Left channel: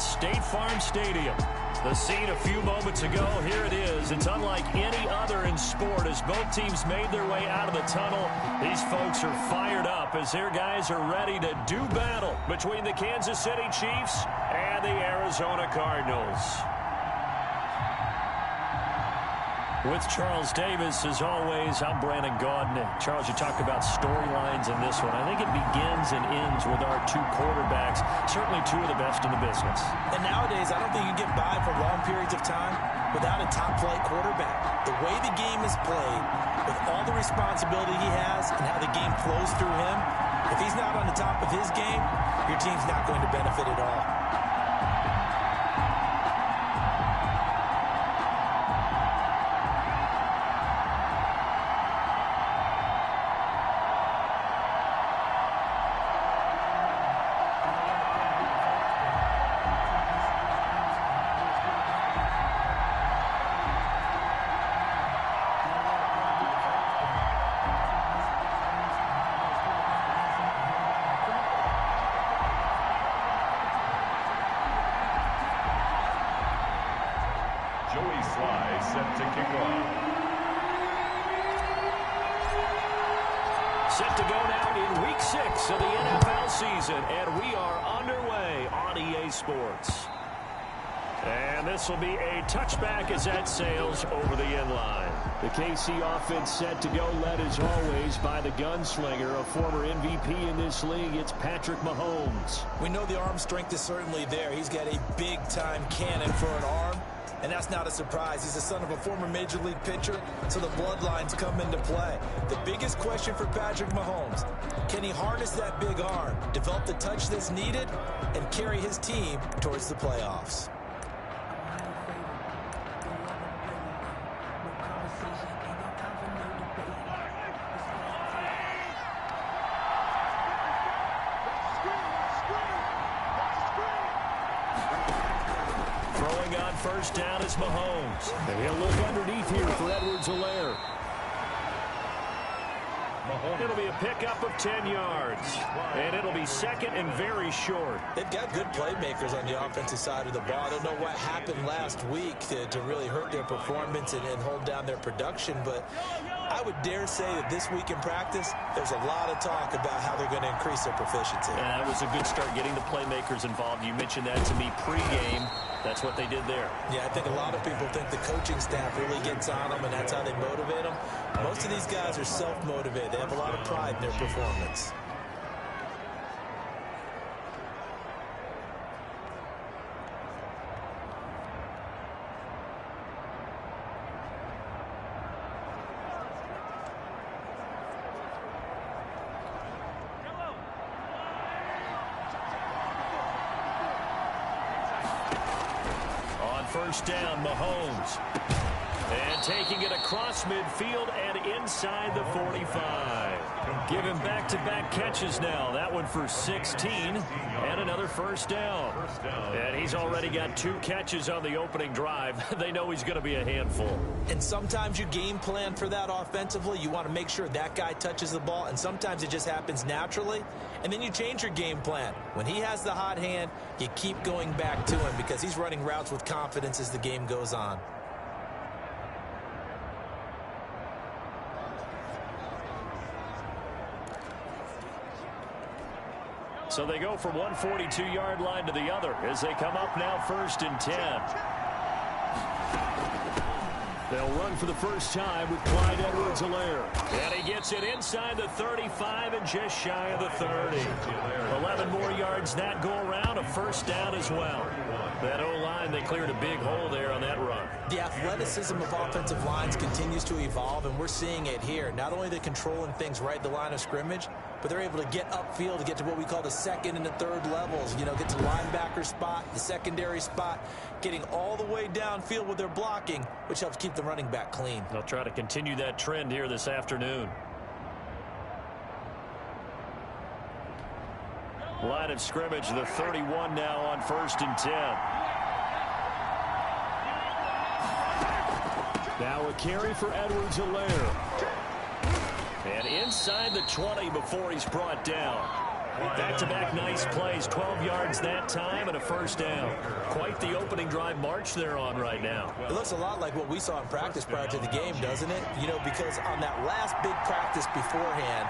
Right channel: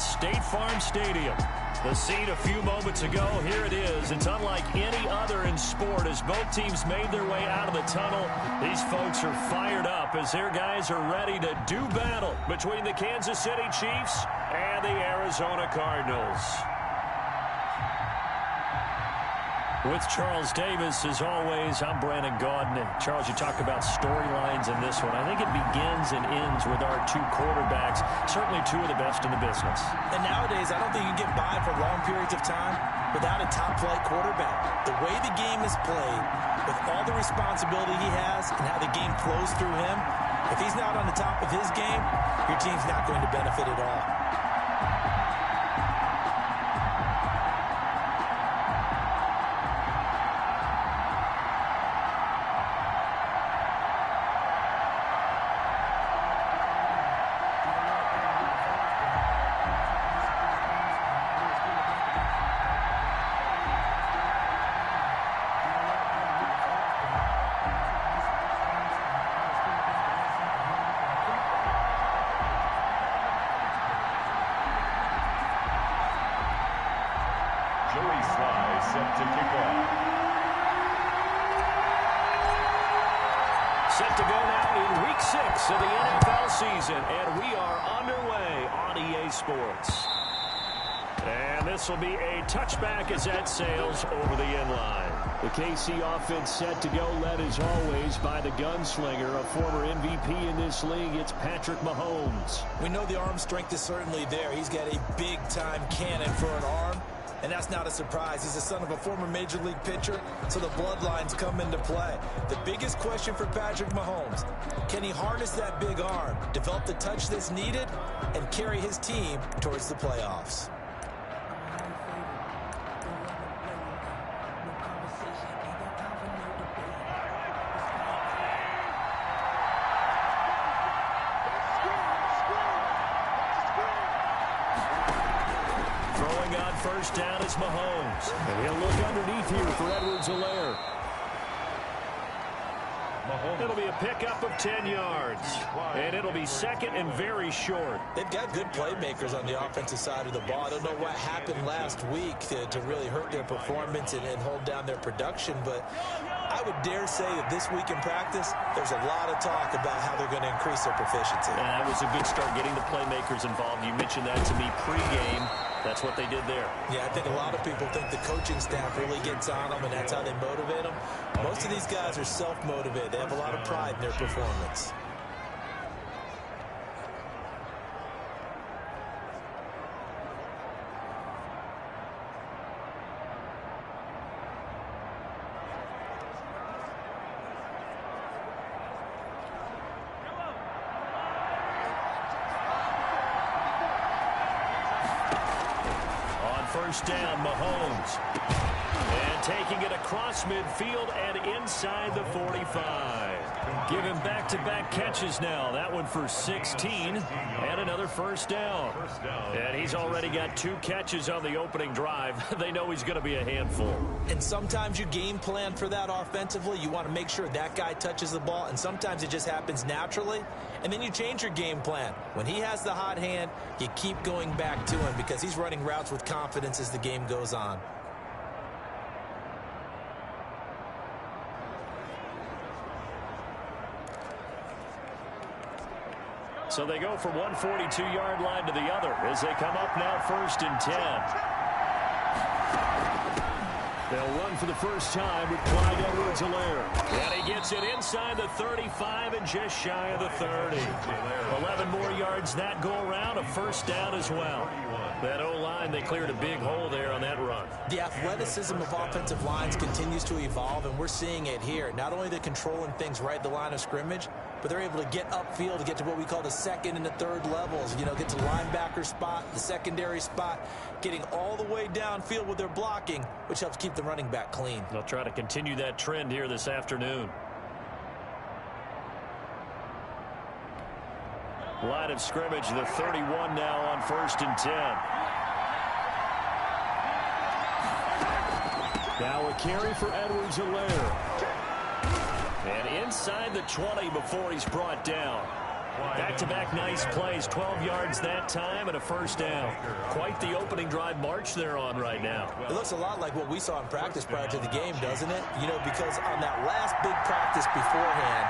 It's State Farm Stadium. The scene a few moments ago, here it is. It's unlike any other in sport as both teams made their way out of the tunnel. These folks are fired up as their guys are ready to do battle between the Kansas City Chiefs and the Arizona Cardinals. With Charles Davis, as always, I'm Brandon Gaudin. Charles, you talk about storylines in this one. I think it begins and ends with our two quarterbacks, certainly two of the best in the business. And nowadays, I don't think you can get by for long periods of time without a top-flight quarterback. The way the game is played, with all the responsibility he has and how the game flows through him, if he's not on the top of his game, your team's not going to benefit at all. Set to kick off. Set to go now in Week 6 of the NFL season, and we are underway on EA Sports. And this will be a touchback as that sails over the end line. The KC offense set to go, led as always by the gunslinger, a former MVP in this league. It's Patrick Mahomes. We know the arm strength is certainly there. He's got a big-time cannon for an arm. And that's not a surprise. He's the son of a former Major League pitcher, so the bloodlines come into play. The biggest question for Patrick Mahomes, can he harness that big arm, develop the touch that's needed, and carry his team towards the playoffs? First down is Mahomes. And he'll look underneath here for Edwards-Helaire. It'll be a pickup of 10 yards. And it'll be second and very short. They've got good playmakers on the offensive side of the ball. I don't know what happened last week to really hurt their performance and hold down their production, but I would dare say that this week in practice, there's a lot of talk about how they're going to increase their proficiency. And that was a good start, getting the playmakers involved. You mentioned that to me pregame. That's what they did there. Yeah, I think a lot of people think the coaching staff really gets on them, and that's how they motivate them. Most of these guys are self-motivated. They have a lot of pride in their performance. First down, Mahomes. And taking it across midfield and inside the 45. Give him back-to-back catches now. That one for 16 and another first down. And he's already got 2 catches on the opening drive. They know he's going to be a handful. And sometimes you game plan for that offensively. You want to make sure that guy touches the ball, and sometimes it just happens naturally. And then you change your game plan. When he has the hot hand, you keep going back to him because he's running routes with confidence as the game goes on. So they go from one 42-yard line to the other as they come up now first and 10. They'll run for the first time with Clyde Edwards-Helaire. And he gets it inside the 35 and just shy of the 30. 11 more yards that go around, a first down as well. That O-line, they cleared a big hole there on that run. The athleticism of offensive lines continues to evolve, and we're seeing it here. Not only are they controlling things right at the line of scrimmage, but they're able to get upfield to get to what we call the second and the third levels. You know, get to the linebacker spot, the secondary spot, getting all the way downfield with their blocking, which helps keep the running back clean. They'll try to continue that trend here this afternoon. Line of scrimmage, the 31 now on first and 10. Now a carry for Edwards-Helaire. And inside the 20 before he's brought down. Back-to-back nice plays, 12 yards that time and a first down. Quite the opening drive march they're on right now. It looks a lot like what we saw in practice prior to the game, doesn't it? You know, because on that last big practice beforehand,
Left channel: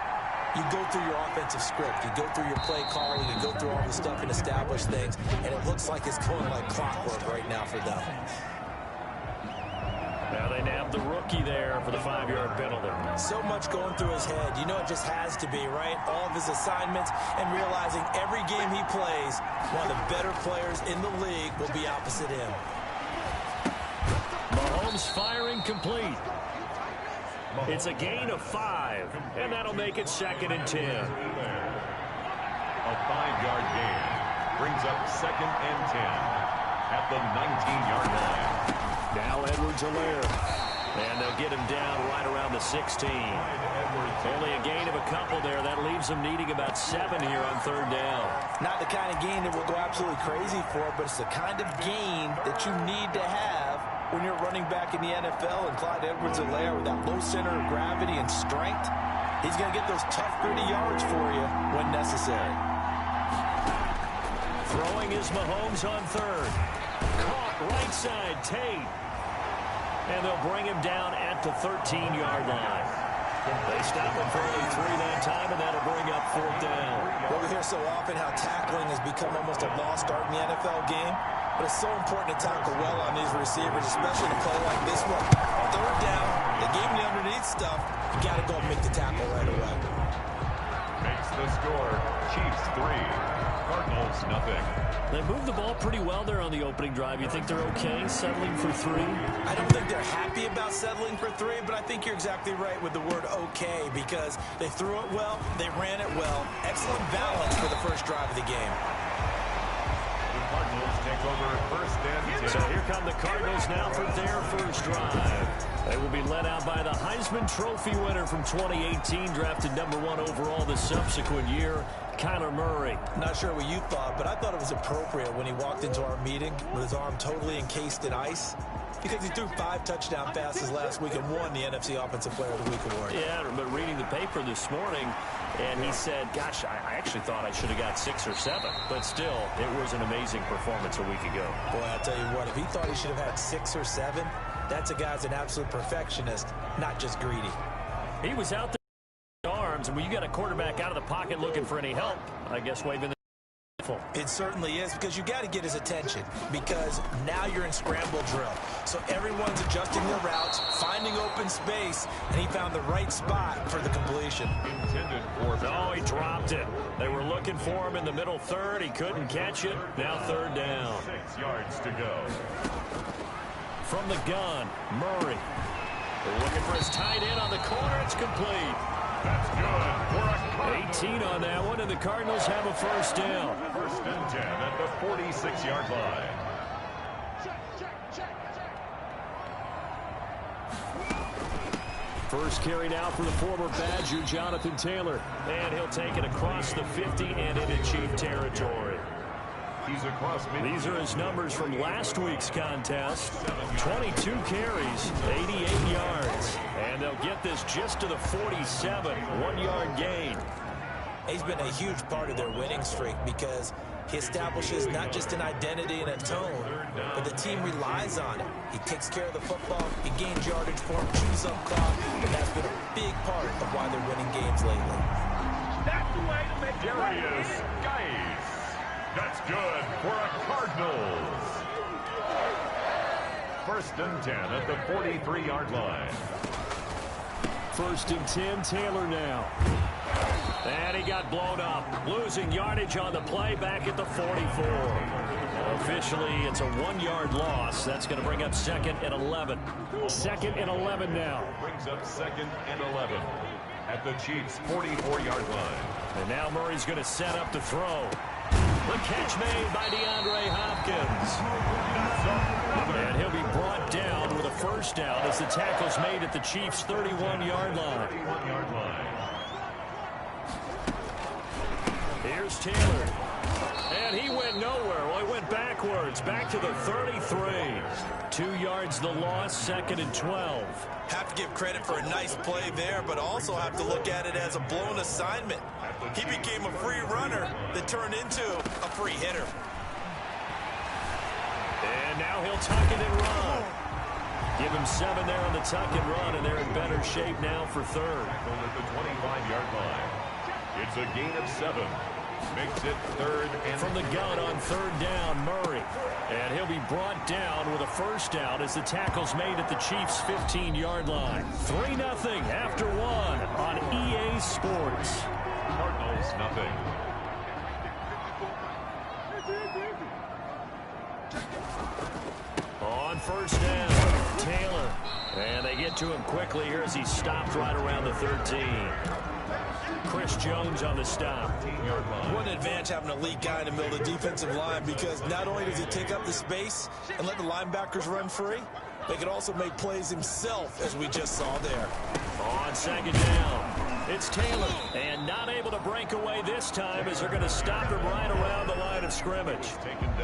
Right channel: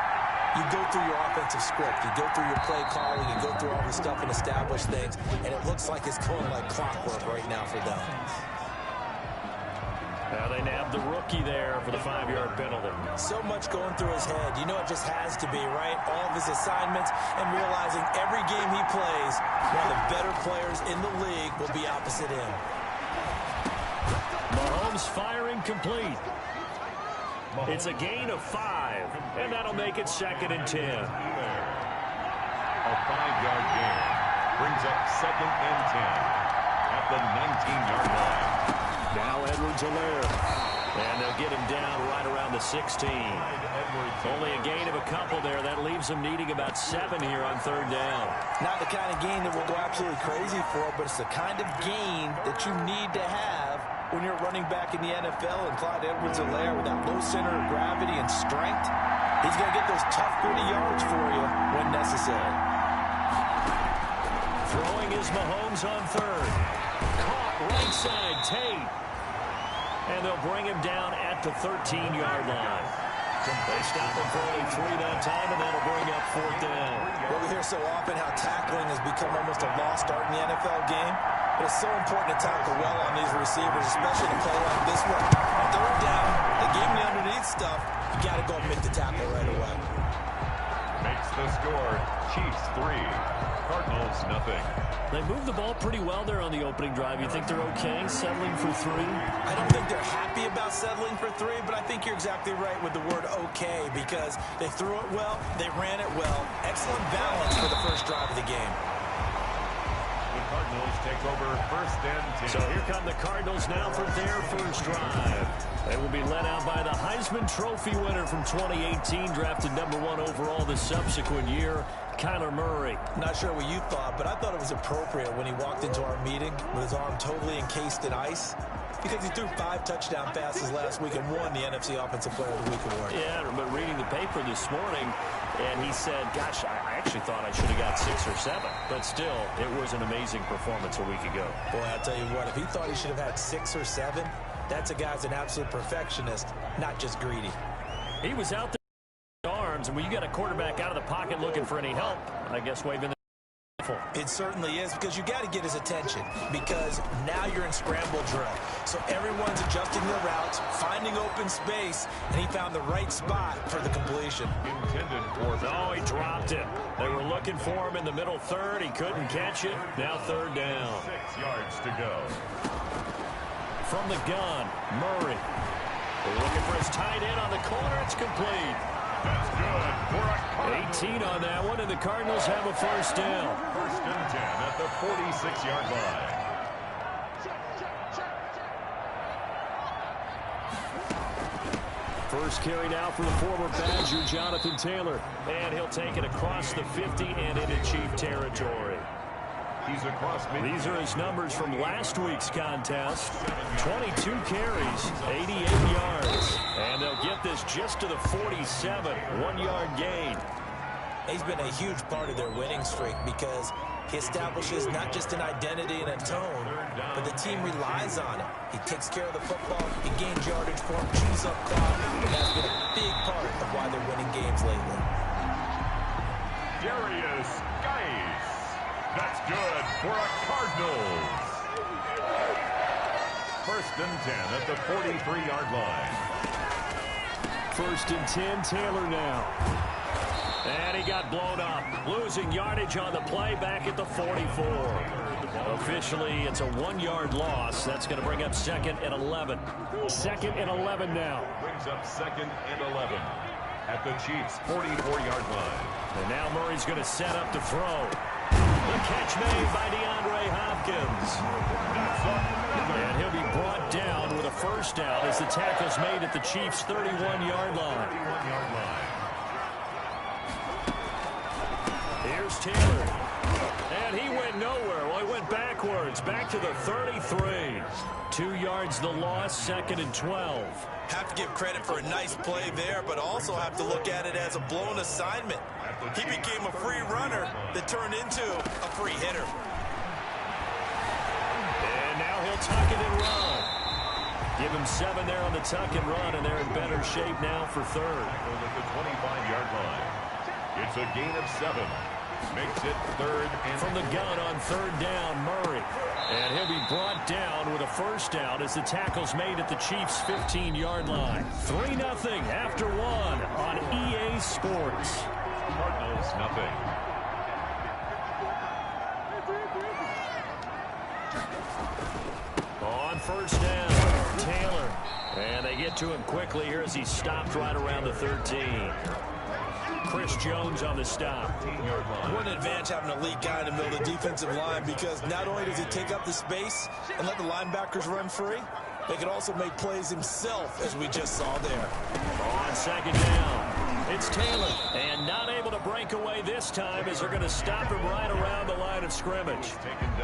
you go through your offensive script, you go through your play calling, you go through all the stuff and establish things, and it looks like it's going like clockwork right now for them. Now they nabbed the rookie there for the 5-yard penalty. So much going through his head. You know it just has to be, right? All of his assignments and realizing every game he plays, one of the better players in the league will be opposite him. Mahomes firing complete. It's a gain of 5, and that'll make it 2nd and 10. A 5-yard gain brings up 2nd and 10 at the 19-yard line. Now Edwards-Helaire. And they'll get him down right around the 16. Only a gain of a couple there. That leaves them needing about 7 here on 3rd down. Not the kind of gain that we'll go absolutely crazy for, but it's the kind of gain that you need to have when you're running back in the NFL. And Clyde Edwards-Helaire, with that low center of gravity and strength, he's going to get those tough, gritty yards for you when necessary. Throwing is Mahomes on 3rd. Caught right side, Tate. And they'll bring him down at the 13-yard line. They stop him for only 3 that time, and that'll bring up 4th down. Well, we hear so often how tackling has become almost a lost art in the NFL game. But it's so important to tackle well on these receivers, especially to play like this one. 3rd down, they gave him the underneath stuff. You got to go and make the tackle right away. Makes the score Chiefs 3, Cardinals nothing. They moved the ball pretty well there on the opening drive. You think they're okay settling for 3? I don't think they're happy about settling for 3, but I think you're exactly right with the word okay, because they threw it well, they ran it well. Excellent balance for the first drive of the game. The Cardinals take over 1st and 10. So here come the Cardinals now for their first drive. They will be led out by the Heisman Trophy winner from 2018, drafted #1 overall the subsequent year, Kyler Murray. Not sure what you thought, but I thought it was appropriate when he walked into our meeting with his arm totally encased in ice, because he threw 5 touchdown passes last week and won the NFC Offensive Player of the Week award. Yeah, but reading the paper this morning, and he said, gosh, I actually thought I should have got 6 or 7. But still, it was an amazing performance a week ago. Boy, I'll tell you what, if he thought he should have had 6 or 7, that's a guy's an absolute perfectionist, not just greedy. He was out there with arms, and when you got a quarterback out of the pocket looking for any help, I guess waving the It certainly is, because you got to get his attention, because now you're in scramble drill. So everyone's adjusting their routes, finding open space, and he found the right spot for the completion. Intended for... No, he dropped it. They were looking for him in the middle 3rd. He couldn't catch it. Now 3rd down. 6 yards to go. From the gun, Murray. They're looking for his tight end on the corner. It's complete. That's good for a Cardinals. 18 on that one, and the Cardinals have a first down. 1st and 10 at the 46-yard line. First carry now for the former Badger, Jonathan Taylor. And he'll take it across the 50 and into Chief territory. He's across midfield. These are his numbers from last week's contest. 22 carries, 88 yards. And they'll get this just to the 47, 1-yard gain. He's been a huge part of their winning streak, because he establishes not just an identity and a tone, but the team relies on it. He takes care of the football, he gains yardage for him, chews up clock, and that's been a big part of why they're winning games lately. Darius Geis. That's good for a Cardinals. 1st and 10 at the 43-yard line. 1st and 10, Taylor now. And he got blown up, losing yardage on the play back at the 44. Officially, it's a 1-yard loss. That's going to bring up 2nd and 11. 2nd and 11 now. Brings up 2nd and 11 at the Chiefs' 44-yard line. And now Murray's going to set up to throw. The catch made by DeAndre Hopkins. And he'll be brought down with a first down as the tackle's made at the Chiefs' 31-yard line. 31-yard line. Here's Taylor. And he went nowhere. Well, he went backwards, back to the 33. 2 yards the loss, 2nd and 12. Have to give credit for a nice play there, but also have to look at it as a blown assignment. He became a free runner that turned into a free hitter. And now he'll tuck it and run. Give him 7 there on the tuck and run, and they're in better shape now for 3rd. Tackle at the 25-yard line. It's a gain of 7. Makes it 3rd and from the gun on 3rd down, Murray. And he'll be brought down with a 1st down as the tackle's made at the Chiefs' 15-yard line. 3-0 after 1 on EA Sports. Cardinals nothing. On 1st down, Taylor. And they get to him quickly here as he stopped right around the 13. Chris Jones on the stop. What an advantage having a elite guy in the middle of the defensive line, because not only does he take up the space and let the linebackers run free, they can also make plays himself, as we just saw there. On 2nd down, it's Taylor. And not able to break away this time as they're going to stop him right around the line of scrimmage.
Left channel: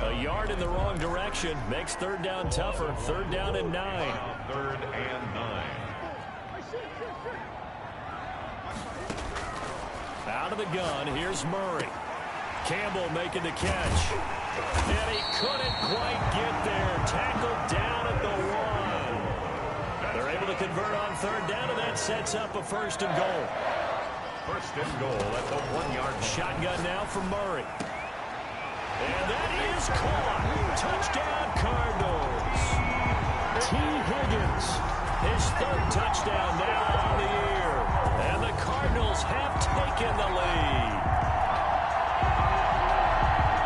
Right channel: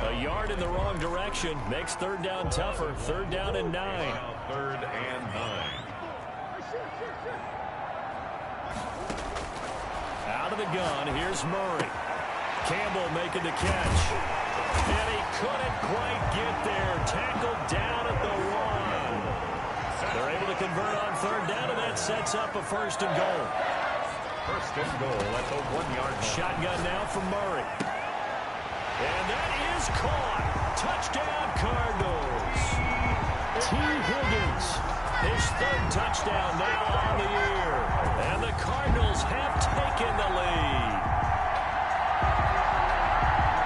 A yard in the wrong direction makes 3rd down tougher. 3rd down and 9. 3rd and 9. Out of the gun, here's Murray. Campbell making the catch. And he couldn't quite get there. Tackled down at the 1. They're able to convert on 3rd down, and that sets up a 1st and goal. 1st and goal at the 1-yard line. Shotgun now from Murray. And that is caught. Touchdown, Cardinals. T. Higgins, his 3rd touchdown now on the year. And the Cardinals have taken the lead.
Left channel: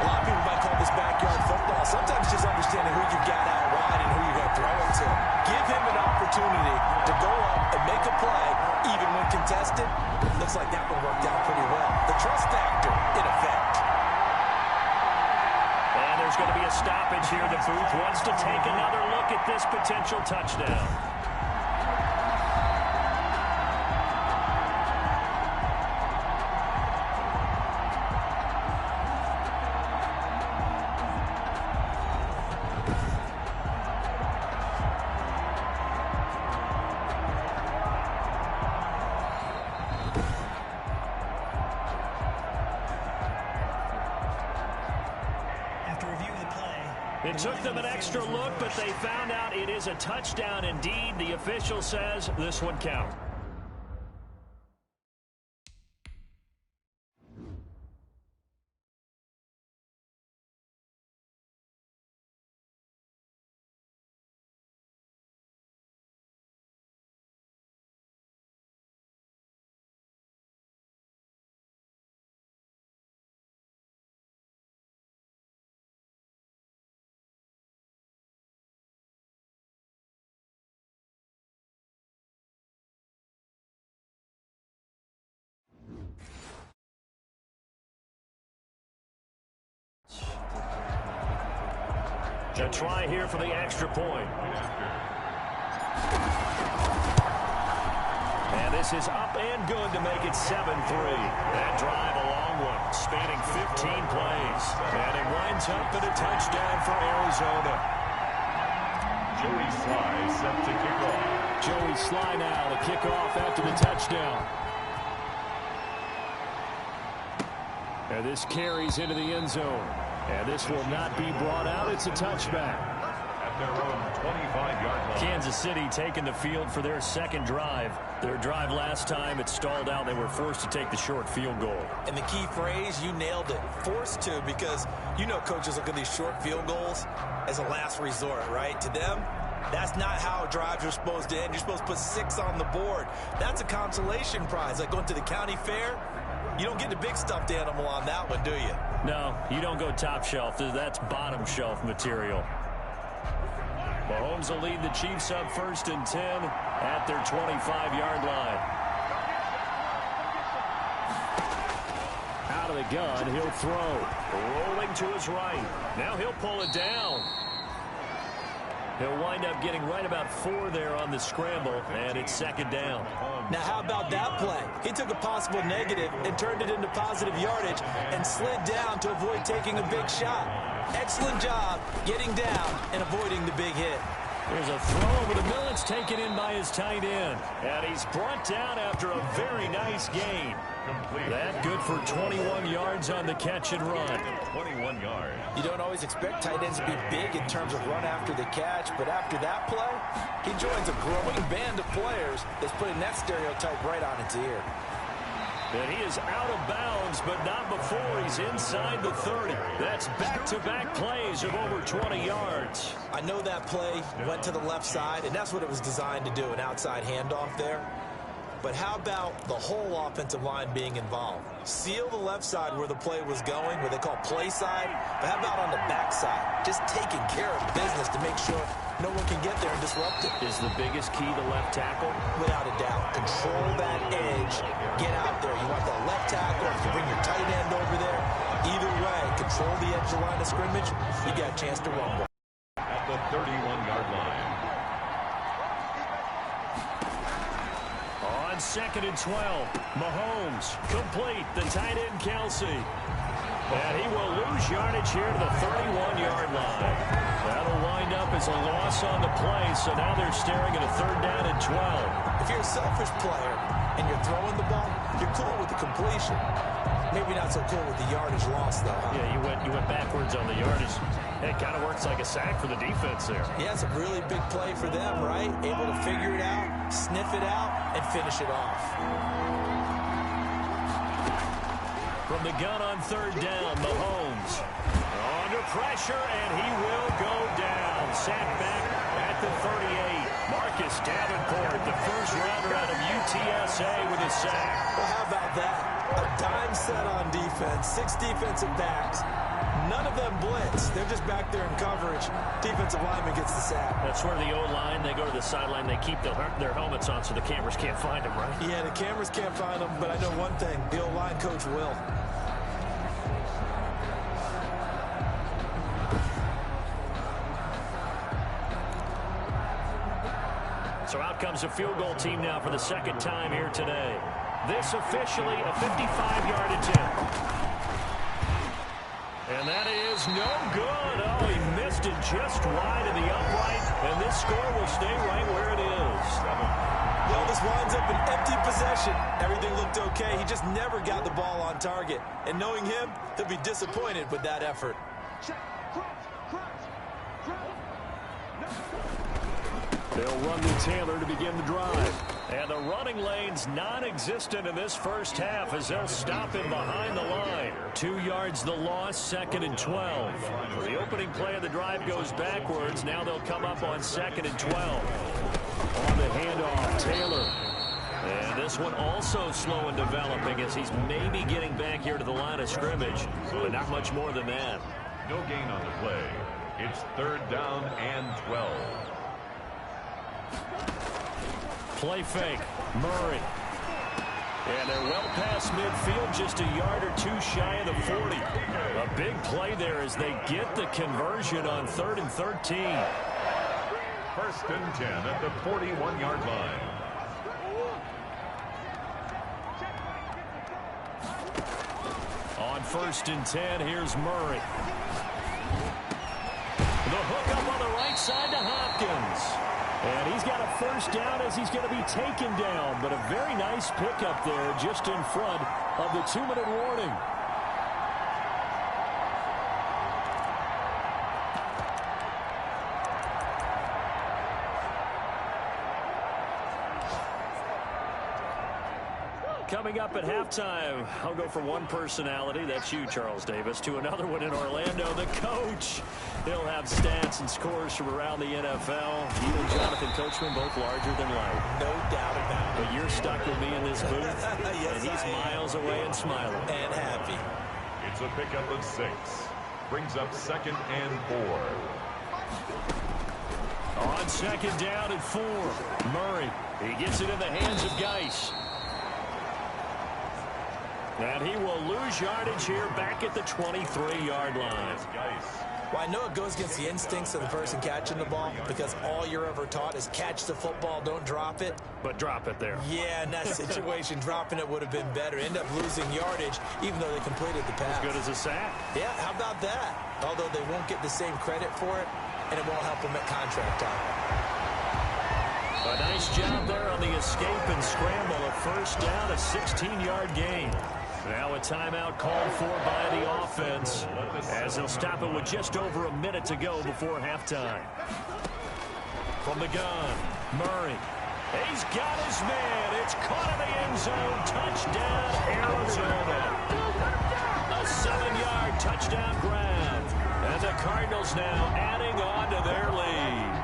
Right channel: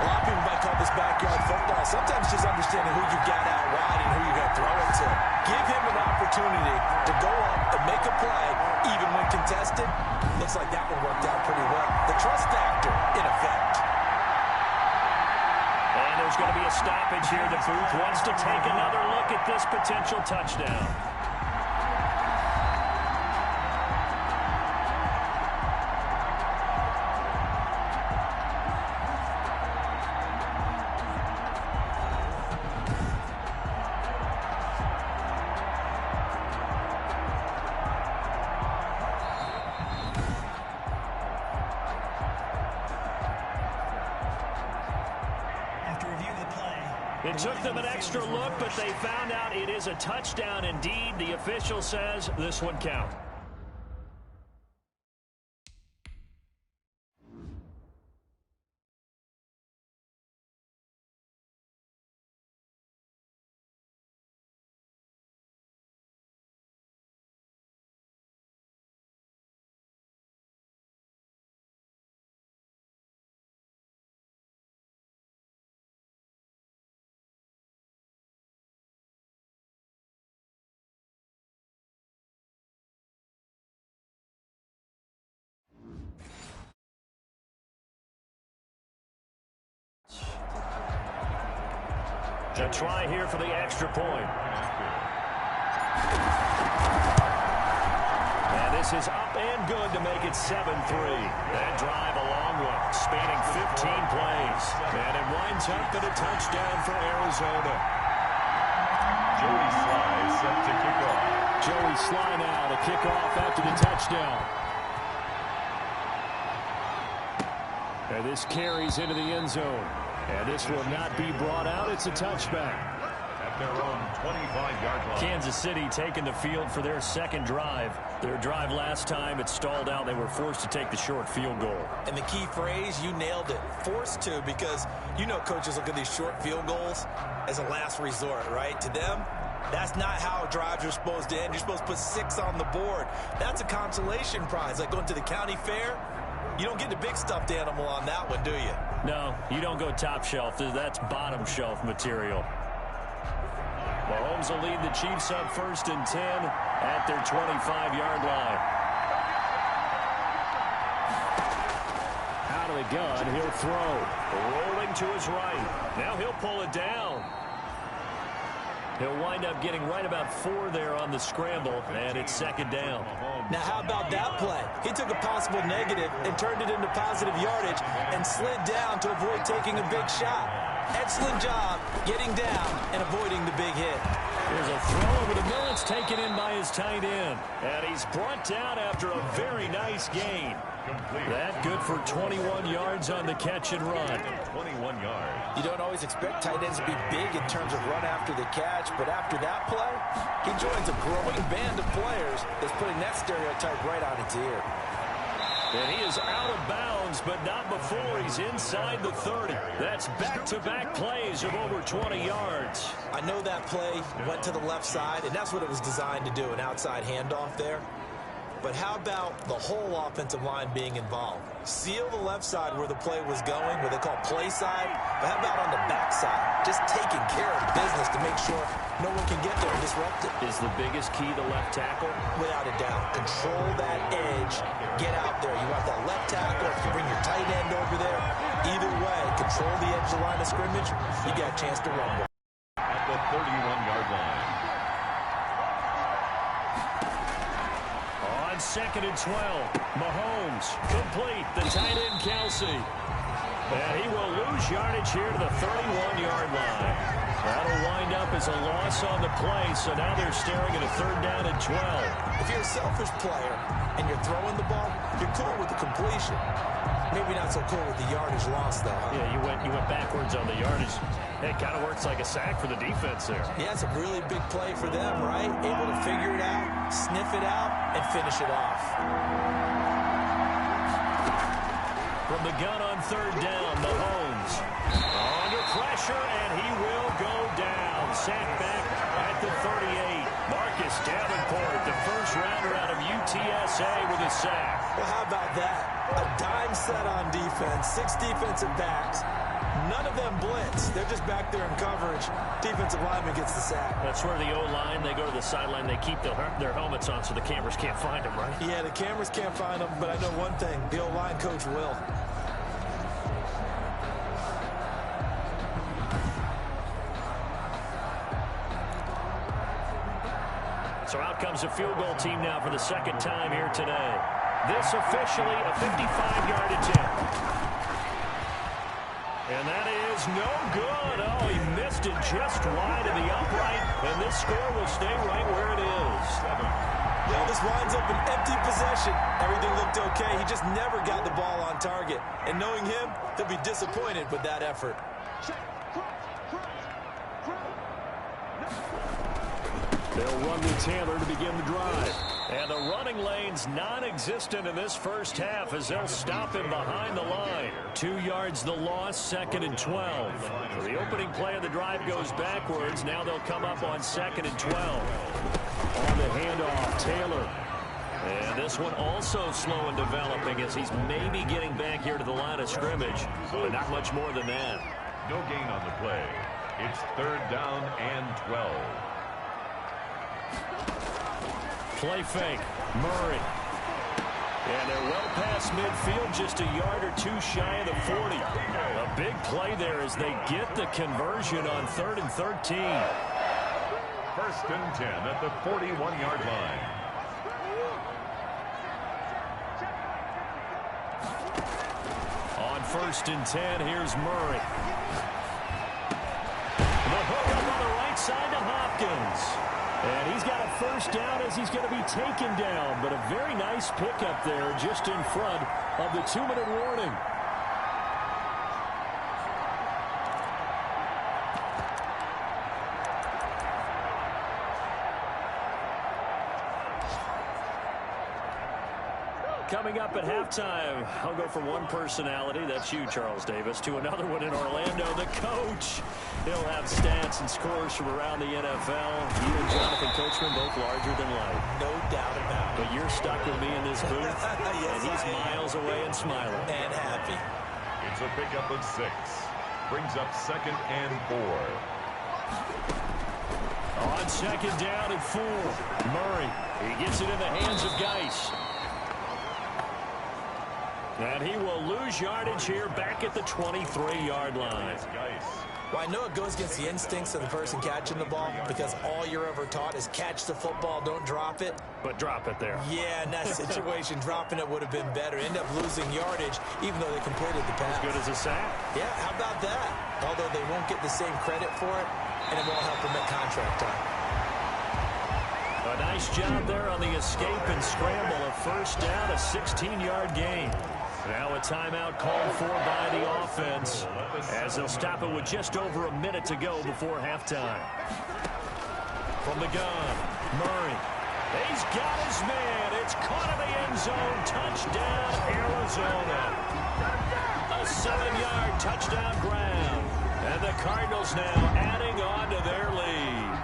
A lot of people might call this backyard football. Sometimes just understanding who you got out wide and who you're going to throw it to. Give him an opportunity to go up and make a play, even when contested. Looks like that one worked out pretty well. The trust factor in effect. And there's going to be a stoppage here. The booth wants to take another look at this potential touchdown. It took them an extra look, but they found out it is a touchdown indeed. The official says this one counts. A try here for the extra point. And this is up and good to make it 7-3. That drive a long one, spanning 15 plays. And it winds up in a touchdown for Arizona. Joey Sly set to kick off. Joey Sly now to kick off after the touchdown. And this carries into the end zone. And this will not be brought out. It's a touchback. At their own 25-yard line. Kansas City taking the field for their second drive. Their drive last time, it stalled out. They were forced to take the short field goal. And the key phrase, you nailed it. Forced to, because you know coaches look at these short field goals as a last resort, right? To them, that's not how drives are supposed to end. You're supposed to put 6 on the board. That's a consolation prize. Like going to the county fair, you don't get the big stuffed animal on that one, do you? No, you don't go top shelf. That's bottom shelf material. Mahomes will lead the Chiefs up 1st and 10 at their 25-yard line. Out of the gun, he'll throw. Rolling to his right. Now he'll pull it down. He'll wind up getting right about 4 there on the scramble, and it's second down. Now, how about that play? He took a possible negative and turned it into positive yardage and slid down to avoid taking a big shot. Excellent job getting down and avoiding the big hit. Here's a throw over the middle. It's taken in by his tight end. And he's brought down after a very nice gain. That good for 21 yards on the catch and run. 21 yards. You don't always expect tight ends to be big in terms of run after the catch, but after that play, he joins a growing band of players that's putting that stereotype right on its ear. And he is out of bounds, but not before he's inside the 30. That's back-to-back plays of over 20 yards. I know that play went to the left side, and that's what it was designed to do, an outside handoff there. But how about the whole offensive line being involved? Seal the left side where the play was going, what they call play side. But how about on the back side? Just taking care of business to make sure no one can get there and disrupt it. Is the biggest key the left tackle? Without a doubt. Control that edge. Get out there. You want that left tackle. If you bring your tight end over there, either way, control the edge of the line of scrimmage, you got a chance to rumble. At the 31-yard line. On 2nd and 12, Mahomes complete. The tight end, Kelsey. And he will lose yardage here to the 31-yard line. That'll wind up as a loss on the play, so now they're staring at a 3rd down and 12. If you're a selfish player and you're throwing the ball, you're cool with the completion. Maybe not so cool with the yardage loss, though, huh? Yeah, you went backwards on the yardage. It kind of works like a sack for the defense there. Yeah, it's a really big play for them, right? Able to figure it out, sniff it out, and finish it off. From the gun on 3rd down, Mahomes under pressure, and he will go down. Sacked back at the 38. Marcus Davenport, the first rounder out of UTSA with a sack. Well, how about that? A dime set on defense, 6 defensive backs. None of them blitz. They're just back there in coverage. Defensive lineman gets the sack. That's where the O-line, they go to the sideline, they keep their helmets on so the cameras can't find them, right? Yeah, the cameras can't find them, but I know one thing. The O-line coach will. So out comes a field goal team now for the 2nd time here today. This officially a 55-yard attempt. And that is no good. Oh, he missed it just wide of the upright, and this score will stay right where it is. Well, this winds up an empty possession. Everything looked okay. He just never got the ball on target. And knowing him, he'll be disappointed with that effort. They'll run to Taylor to begin the drive. And the running lane's non-existent in this first half as they'll stop him behind the line. 2 yards the loss, 2nd and 12. So the opening play of the drive goes backwards. Now they'll come up on 2nd and 12. On the handoff, Taylor. And this one also slow in developing as he's maybe getting back here to the line of scrimmage, but not much more than that. No gain on the play. It's 3rd down and 12. Play fake, Murray. And they're well past midfield, just a yard or 2 shy of the 40. A big play there as they get the conversion on 3rd and 13. 1st and 10 at the 41-yard line. On 1st and 10, here's Murray. The hook up on the right side to Hopkins. And he's got a 1st down as he's going to be taken down. But a very nice pickup there just in front of the 2-minute warning. Coming up at halftime, I'll go from one personality, that's you, Charles Davis, to another one in Orlando, the coach. He'll have stats and scores from around the NFL. You and Jonathan Coachman, both larger than life. No doubt about it. But you're stuck with me in this booth, yes, and he's miles away and smiling. And happy. It's a pickup of 6. Brings up 2nd and 4. On 2nd down and 4, Murray. He gets it in the hands of Geis. And he will lose yardage here back at the 23-yard line. Well, I know it goes against the instincts of the person catching the ball because all you're ever taught is catch the football, don't drop it. But drop it there. Yeah, in that situation, dropping it would have been better. End up losing yardage, even though they completed the pass. As good as a sack. Yeah, how about that? Although they won't get the same credit for it, and it won't help them at contract time. A nice job there on the escape and scramble. A first down, a 16-yard gain. Now a timeout called for by the offense as they'll stop it with just over a minute to go before halftime. From the gun, Murray. He's got his man. It's caught in the end zone. Touchdown, Arizona. A 7-yard touchdown grab. And the Cardinals now adding on to their lead.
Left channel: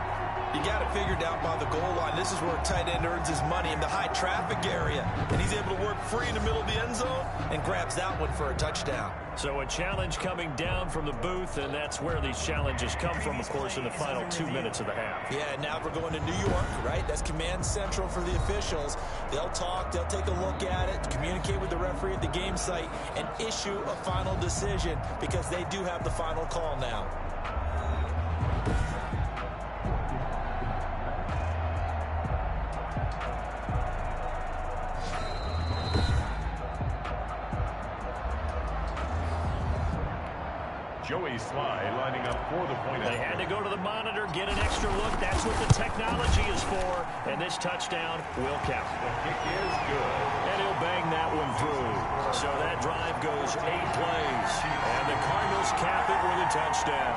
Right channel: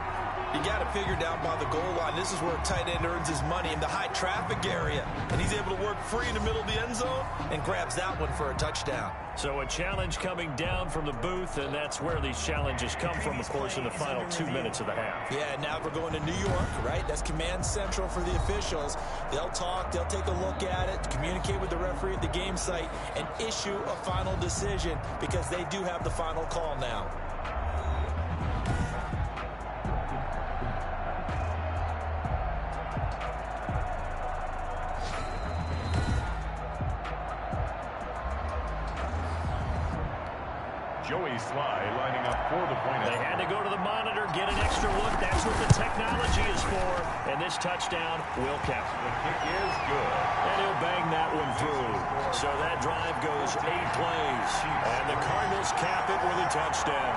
You got to figure down by the goal line. This is where a tight end earns his money in the high traffic area. And he's able to work free in the middle of the end zone and grabs that one for a touchdown. So a challenge coming down from the booth, and that's where these challenges come from, of course, in the final 2 minutes of the half. Yeah, now we're going to New York, right? That's command central for the officials. They'll talk, they'll take a look at it, communicate with the referee at the game site, and issue a final decision because they do have the final call now. Joey Sly lining up for the point. They had to go to the monitor, get an extra look. That's what the technology is for. And this touchdown will count. The kick is good. And he'll bang that one through. So that drive goes 8 plays. And the Cardinals cap it with a touchdown.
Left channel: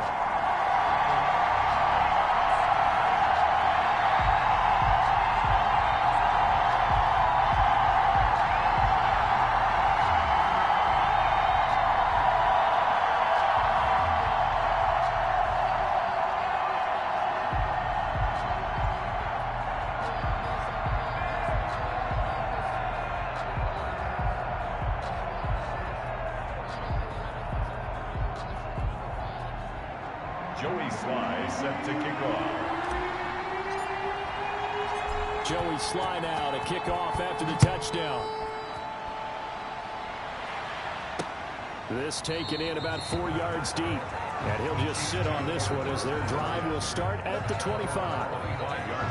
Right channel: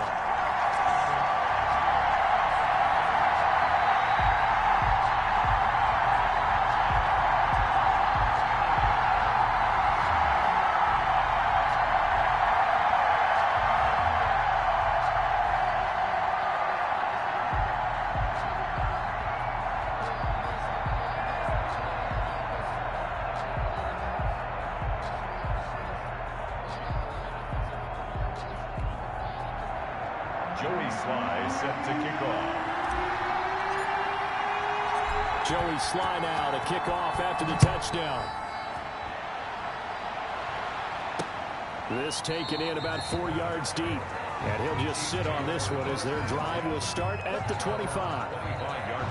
Joey Sly set to kick off. Joey Sly now to kick off after the touchdown. This taken in about 4 yards deep. And he'll just sit on this one as their drive will start at the 25.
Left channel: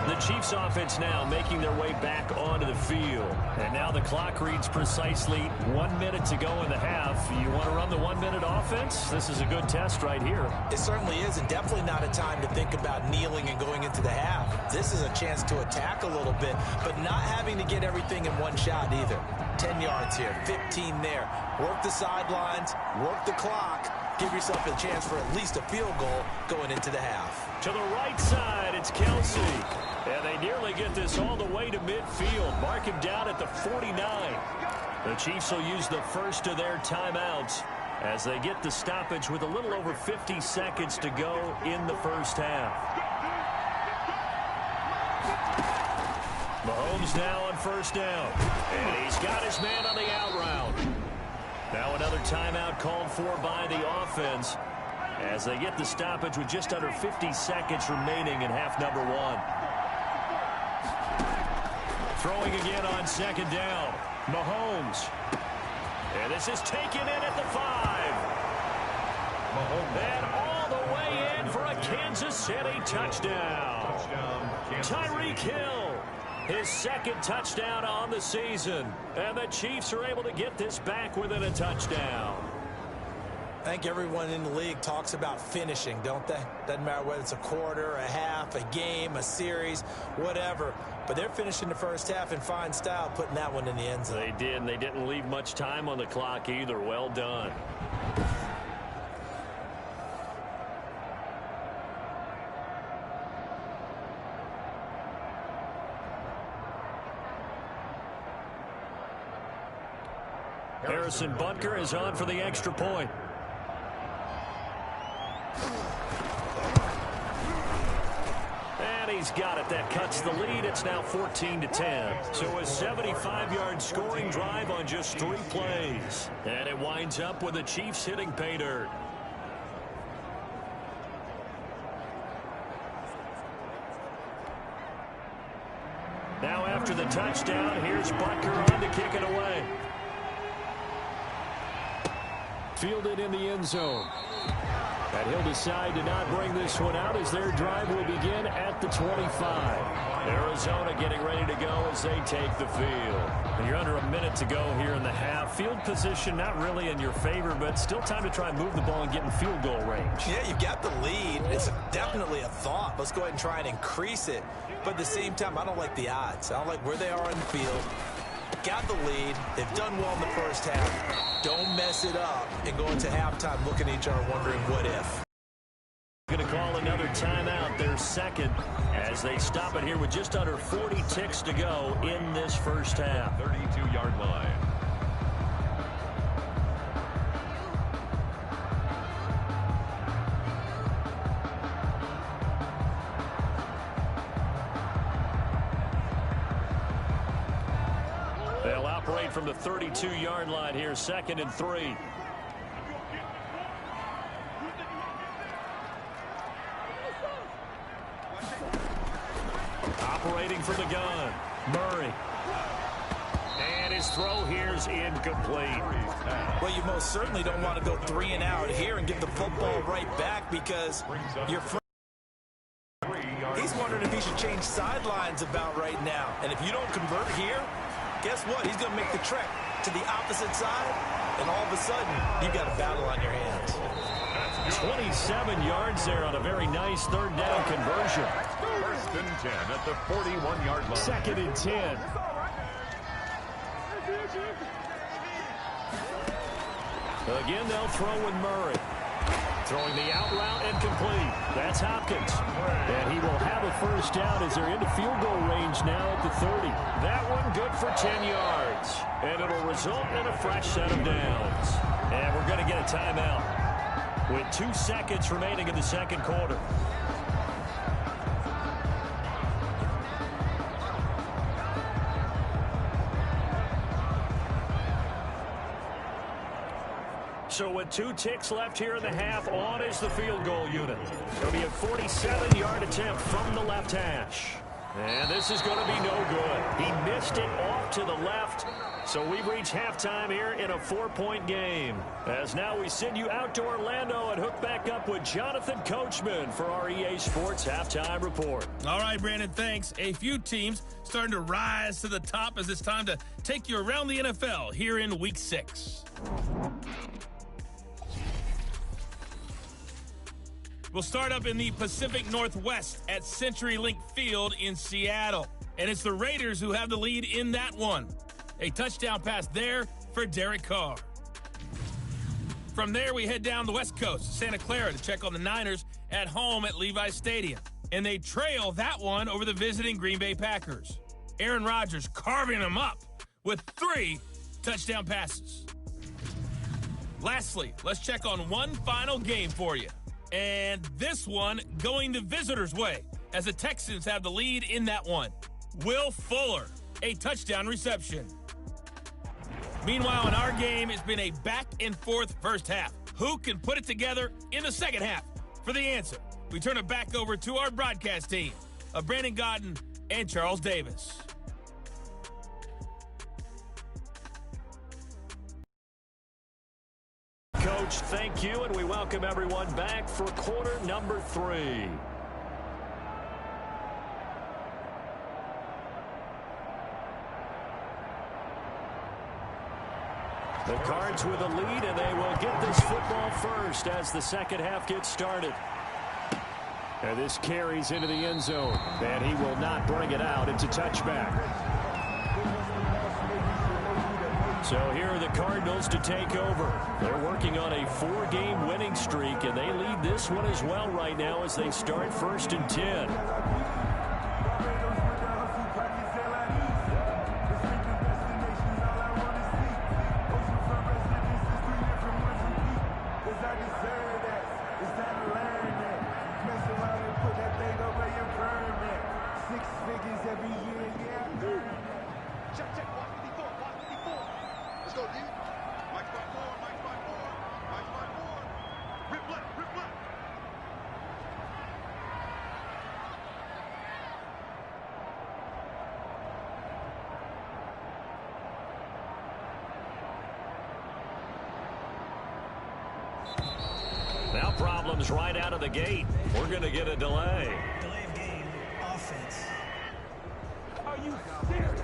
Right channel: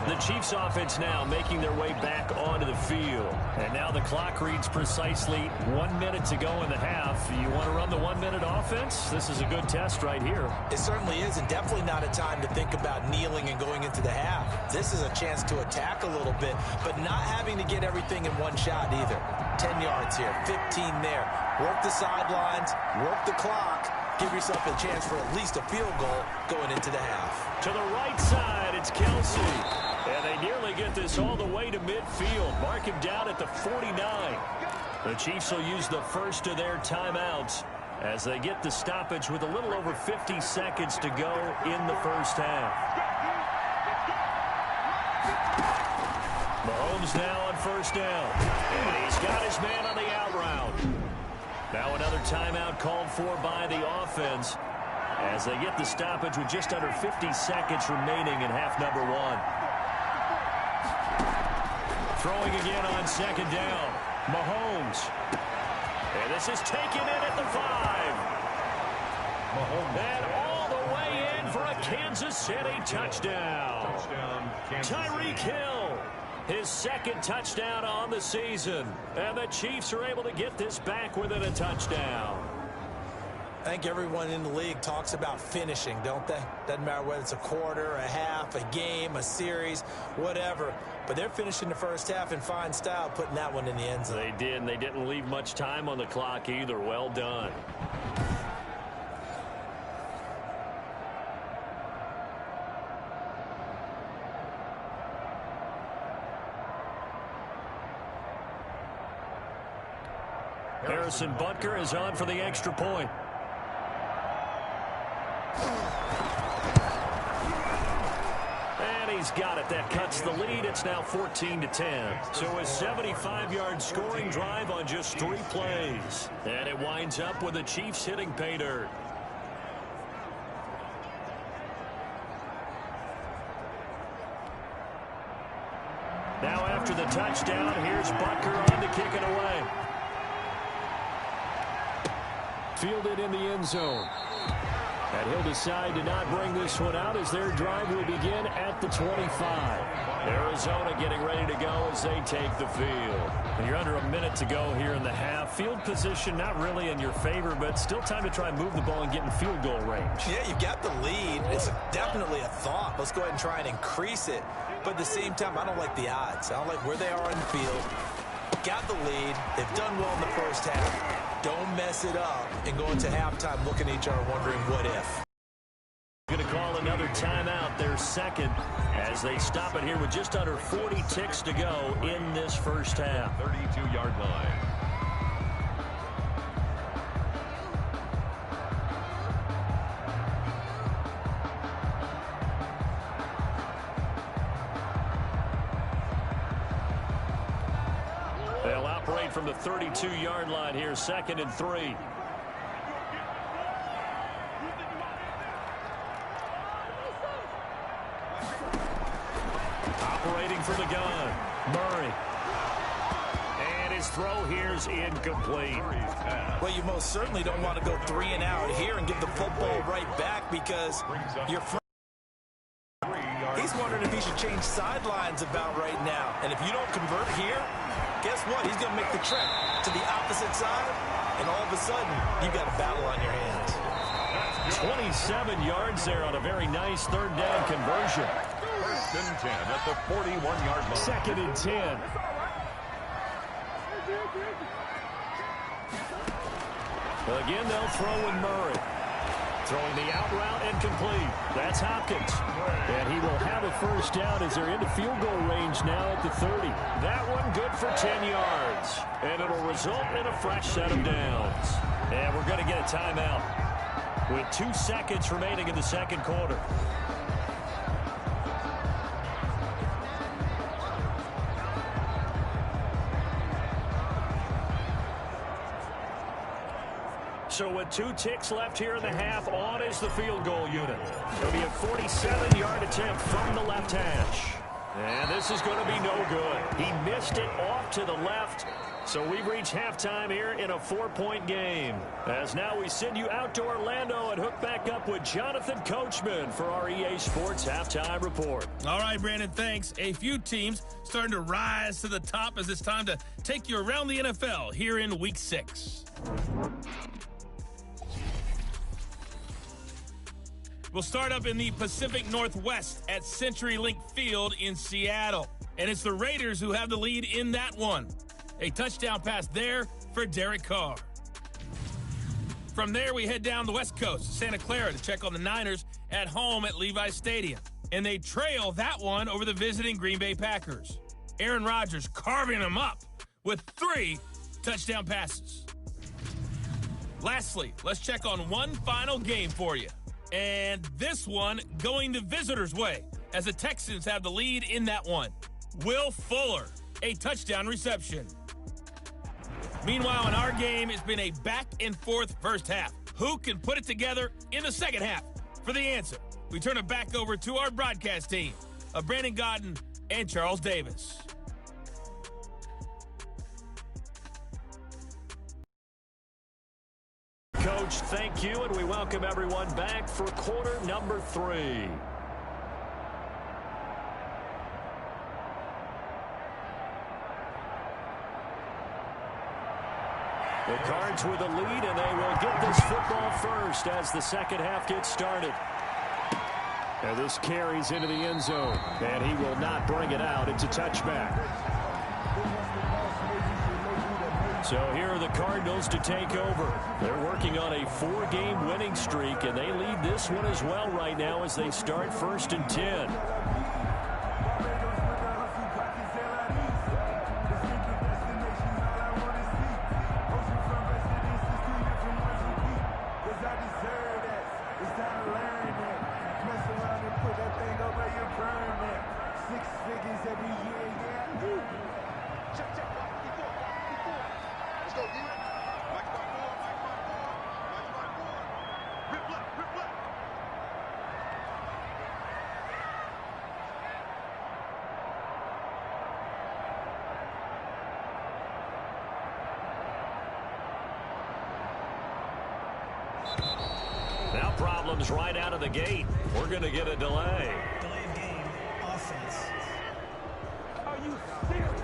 The Chiefs offense now making their way back onto the field. And now the clock reads precisely 1 minute to go in the half. You want to run the 1 minute offense? This is a good test right here. It certainly is, and definitely not a time to think about kneeling and going into the half. This is a chance to attack a little bit, but not having to get everything in one shot either. 10 yards here, 15 there. Work the sidelines, work the clock. Give yourself a chance for at least a field goal going into the half. To the right side, it's Kelsey. And they nearly get this all the way to midfield. Mark him down at the 49. The Chiefs will use the first of their timeouts as they get the stoppage with a little over 50 seconds to go in the first half. Mahomes now on first down. And he's got his man on the out route. Now another timeout called for by the offense as they get the stoppage with just under 50 seconds remaining in half number 1. Throwing again on second down. Mahomes. And this is taken in at the 5. Mahomes. And all the way in for a Kansas City touchdown. Tyreek Hill. His second touchdown on the season. And the Chiefs are able to get this back within a touchdown. I think everyone in the league talks about finishing, don't they? Doesn't matter whether it's a quarter, a half, a game, a series, whatever. But they're finishing the first half in fine style, putting that one in the end zone. They did, and they didn't leave much time on the clock either. Well done. Harrison Butker is on for the extra point. And he's got it. That cuts the lead. It's now 14-10. So a 75-yard scoring drive on just 3 plays. And it winds up with the Chiefs hitting pay dirt. Now after the touchdown, here's Butker on to kick it away. Fielded in the end zone. And he'll decide to not bring this one out as their drive will begin at the 25. Arizona getting ready to go as they take the field. And you're under a minute to go here in the half. Field position not really in your favor, but still time to try and move the ball and get in field goal range. Yeah, you've got the lead. It's definitely a thought. Let's go ahead and try and increase it. But at the same time, I don't like the odds. I don't like where they are in the field. Got the lead. They've done well in the first half. Don't mess it up and go into halftime looking at each other wondering what if. Going to call another timeout, their second, as they stop it here with just under 40 ticks to go in this first half. 32-yard line. They'll operate from the 32-yard line here, 2nd and 3. Operating from the gun, Murray. And his throw here's incomplete. Well, you most certainly don't want to go 3 and out here and give the football right back because your friend, he's wondering if he should change sidelines about right now. And if you don't convert here, guess what? He's going to make the trek to the opposite side, and all of a sudden, you've got a battle on your hands. 27 yards there on a very nice 3rd down conversion. 1st and 10 at the 41-yard line. 2nd and 10. Again, they'll throw with Murray. Throwing the out route and complete. That's Hopkins. And he will have a first down as they're into field goal range now at the 30. That one good for 10 yards. And it'll result in a fresh set of downs. And we're going to get a timeout with 2 seconds remaining in the second quarter. So with 2 ticks left here in the half, on is the field goal unit. It'll be a 47-yard attempt from the left hash. And this is going to be no good. He missed it off to the left. So we've reached halftime here in a 4-point game. As now we send you out to Orlando and hook back up with Jonathan Coachman for our EA Sports Halftime Report. All right, Brandon, thanks. A few teams starting to rise to the top as it's time to take you around the NFL here in Week 6. We'll start up in the Pacific Northwest at CenturyLink Field in Seattle. And it's the Raiders who have the lead in that one. A touchdown pass there for Derek Carr. From there, we head down the West Coast to Santa Clara to check on the Niners at home at Levi's Stadium. And they trail that one over the visiting Green Bay Packers. Aaron Rodgers carving them up with 3 touchdown passes. Lastly, let's check on one final game for you. And this one going the visitors' way as the Texans have the lead in that one. Will Fuller, a touchdown reception. Meanwhile, in our game, it's been a back-and-forth first half. Who can put it together in the second half? For the answer, we turn it back over to our broadcast team of Brandon Godden and Charles Davis. Coach, thank you, and we welcome everyone back for quarter number 3. The Cards with a lead, and they will get this football first as the second half gets started. And this carries into the end zone, and he will not bring it out. It's a touchback. So here are the Cardinals to take over. They're working on a 4-game winning streak, and they lead this one as well right now as they start 1st and 10. Now problems right out of the gate. We're going to get a delay. Delay of game, offense. Are you serious?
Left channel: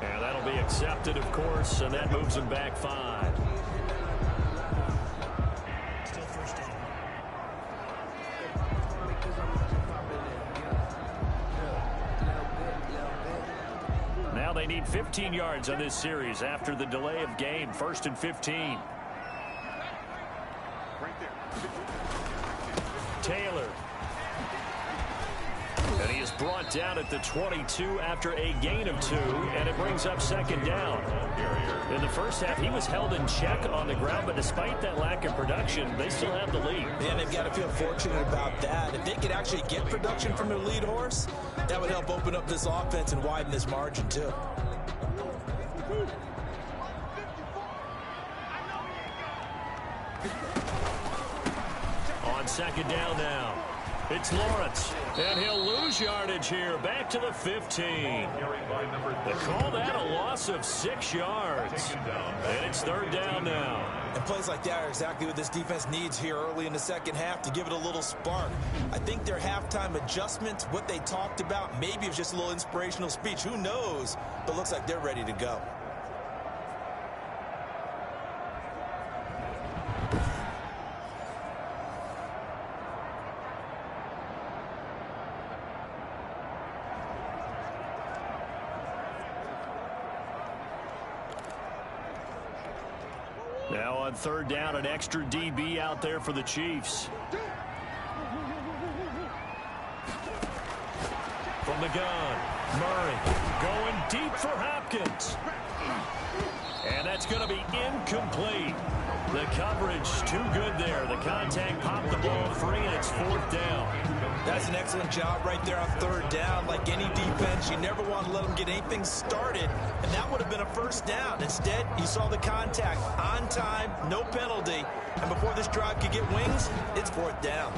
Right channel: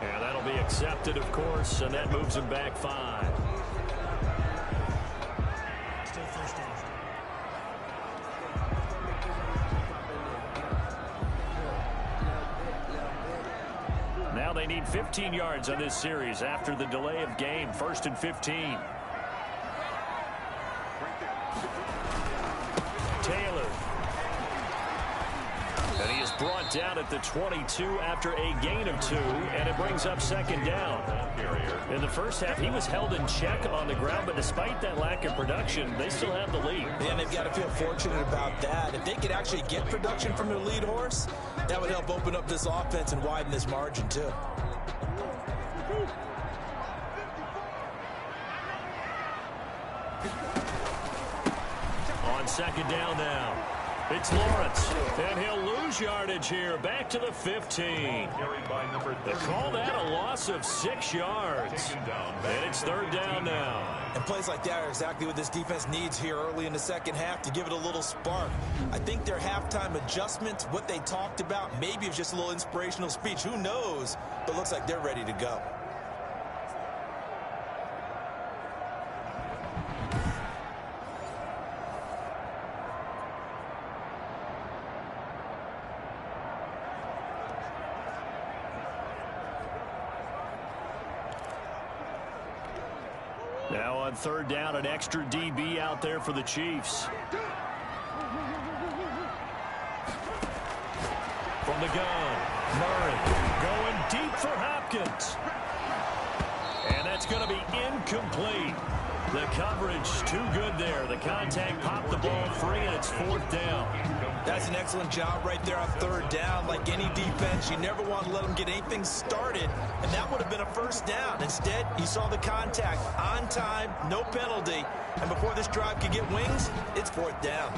And that'll be accepted, of course, and that moves him back 5. Still first down. Now they need 15 yards on this series after the delay of game. 1st and 15. Taylor. And he is brought down at the 22 after a gain of 2, and it brings up 2nd down. In the first half, he was held in check on the ground, but despite that lack of production, they still have the lead. And they've got to feel fortunate about that. If they could actually get production from their lead horse, that would help open up this offense and widen this margin, too. On 2nd down now. It's Lawrence, and he'll lose yardage here, back to the 15. They call that a loss of 6 yards. And it's 3rd down now. And plays like that are exactly what this defense needs here early in the second half to give it a little spark. I think their halftime adjustment, what they talked about, maybe it's just a little inspirational speech. Who knows? But looks like they're ready to go. Now on 3rd down, an extra DB out there for the Chiefs. From the gun, Murray going deep for Hopkins. And that's going to be incomplete. The coverage too good there. The contact popped the ball free, and it's 4th down. That's an excellent job right there on 3rd down. Like any defense, you never want to let them get anything started, and that would have been a 1st down. Instead, you saw the contact on time, no penalty, and before this drive could get wings, it's 4th down.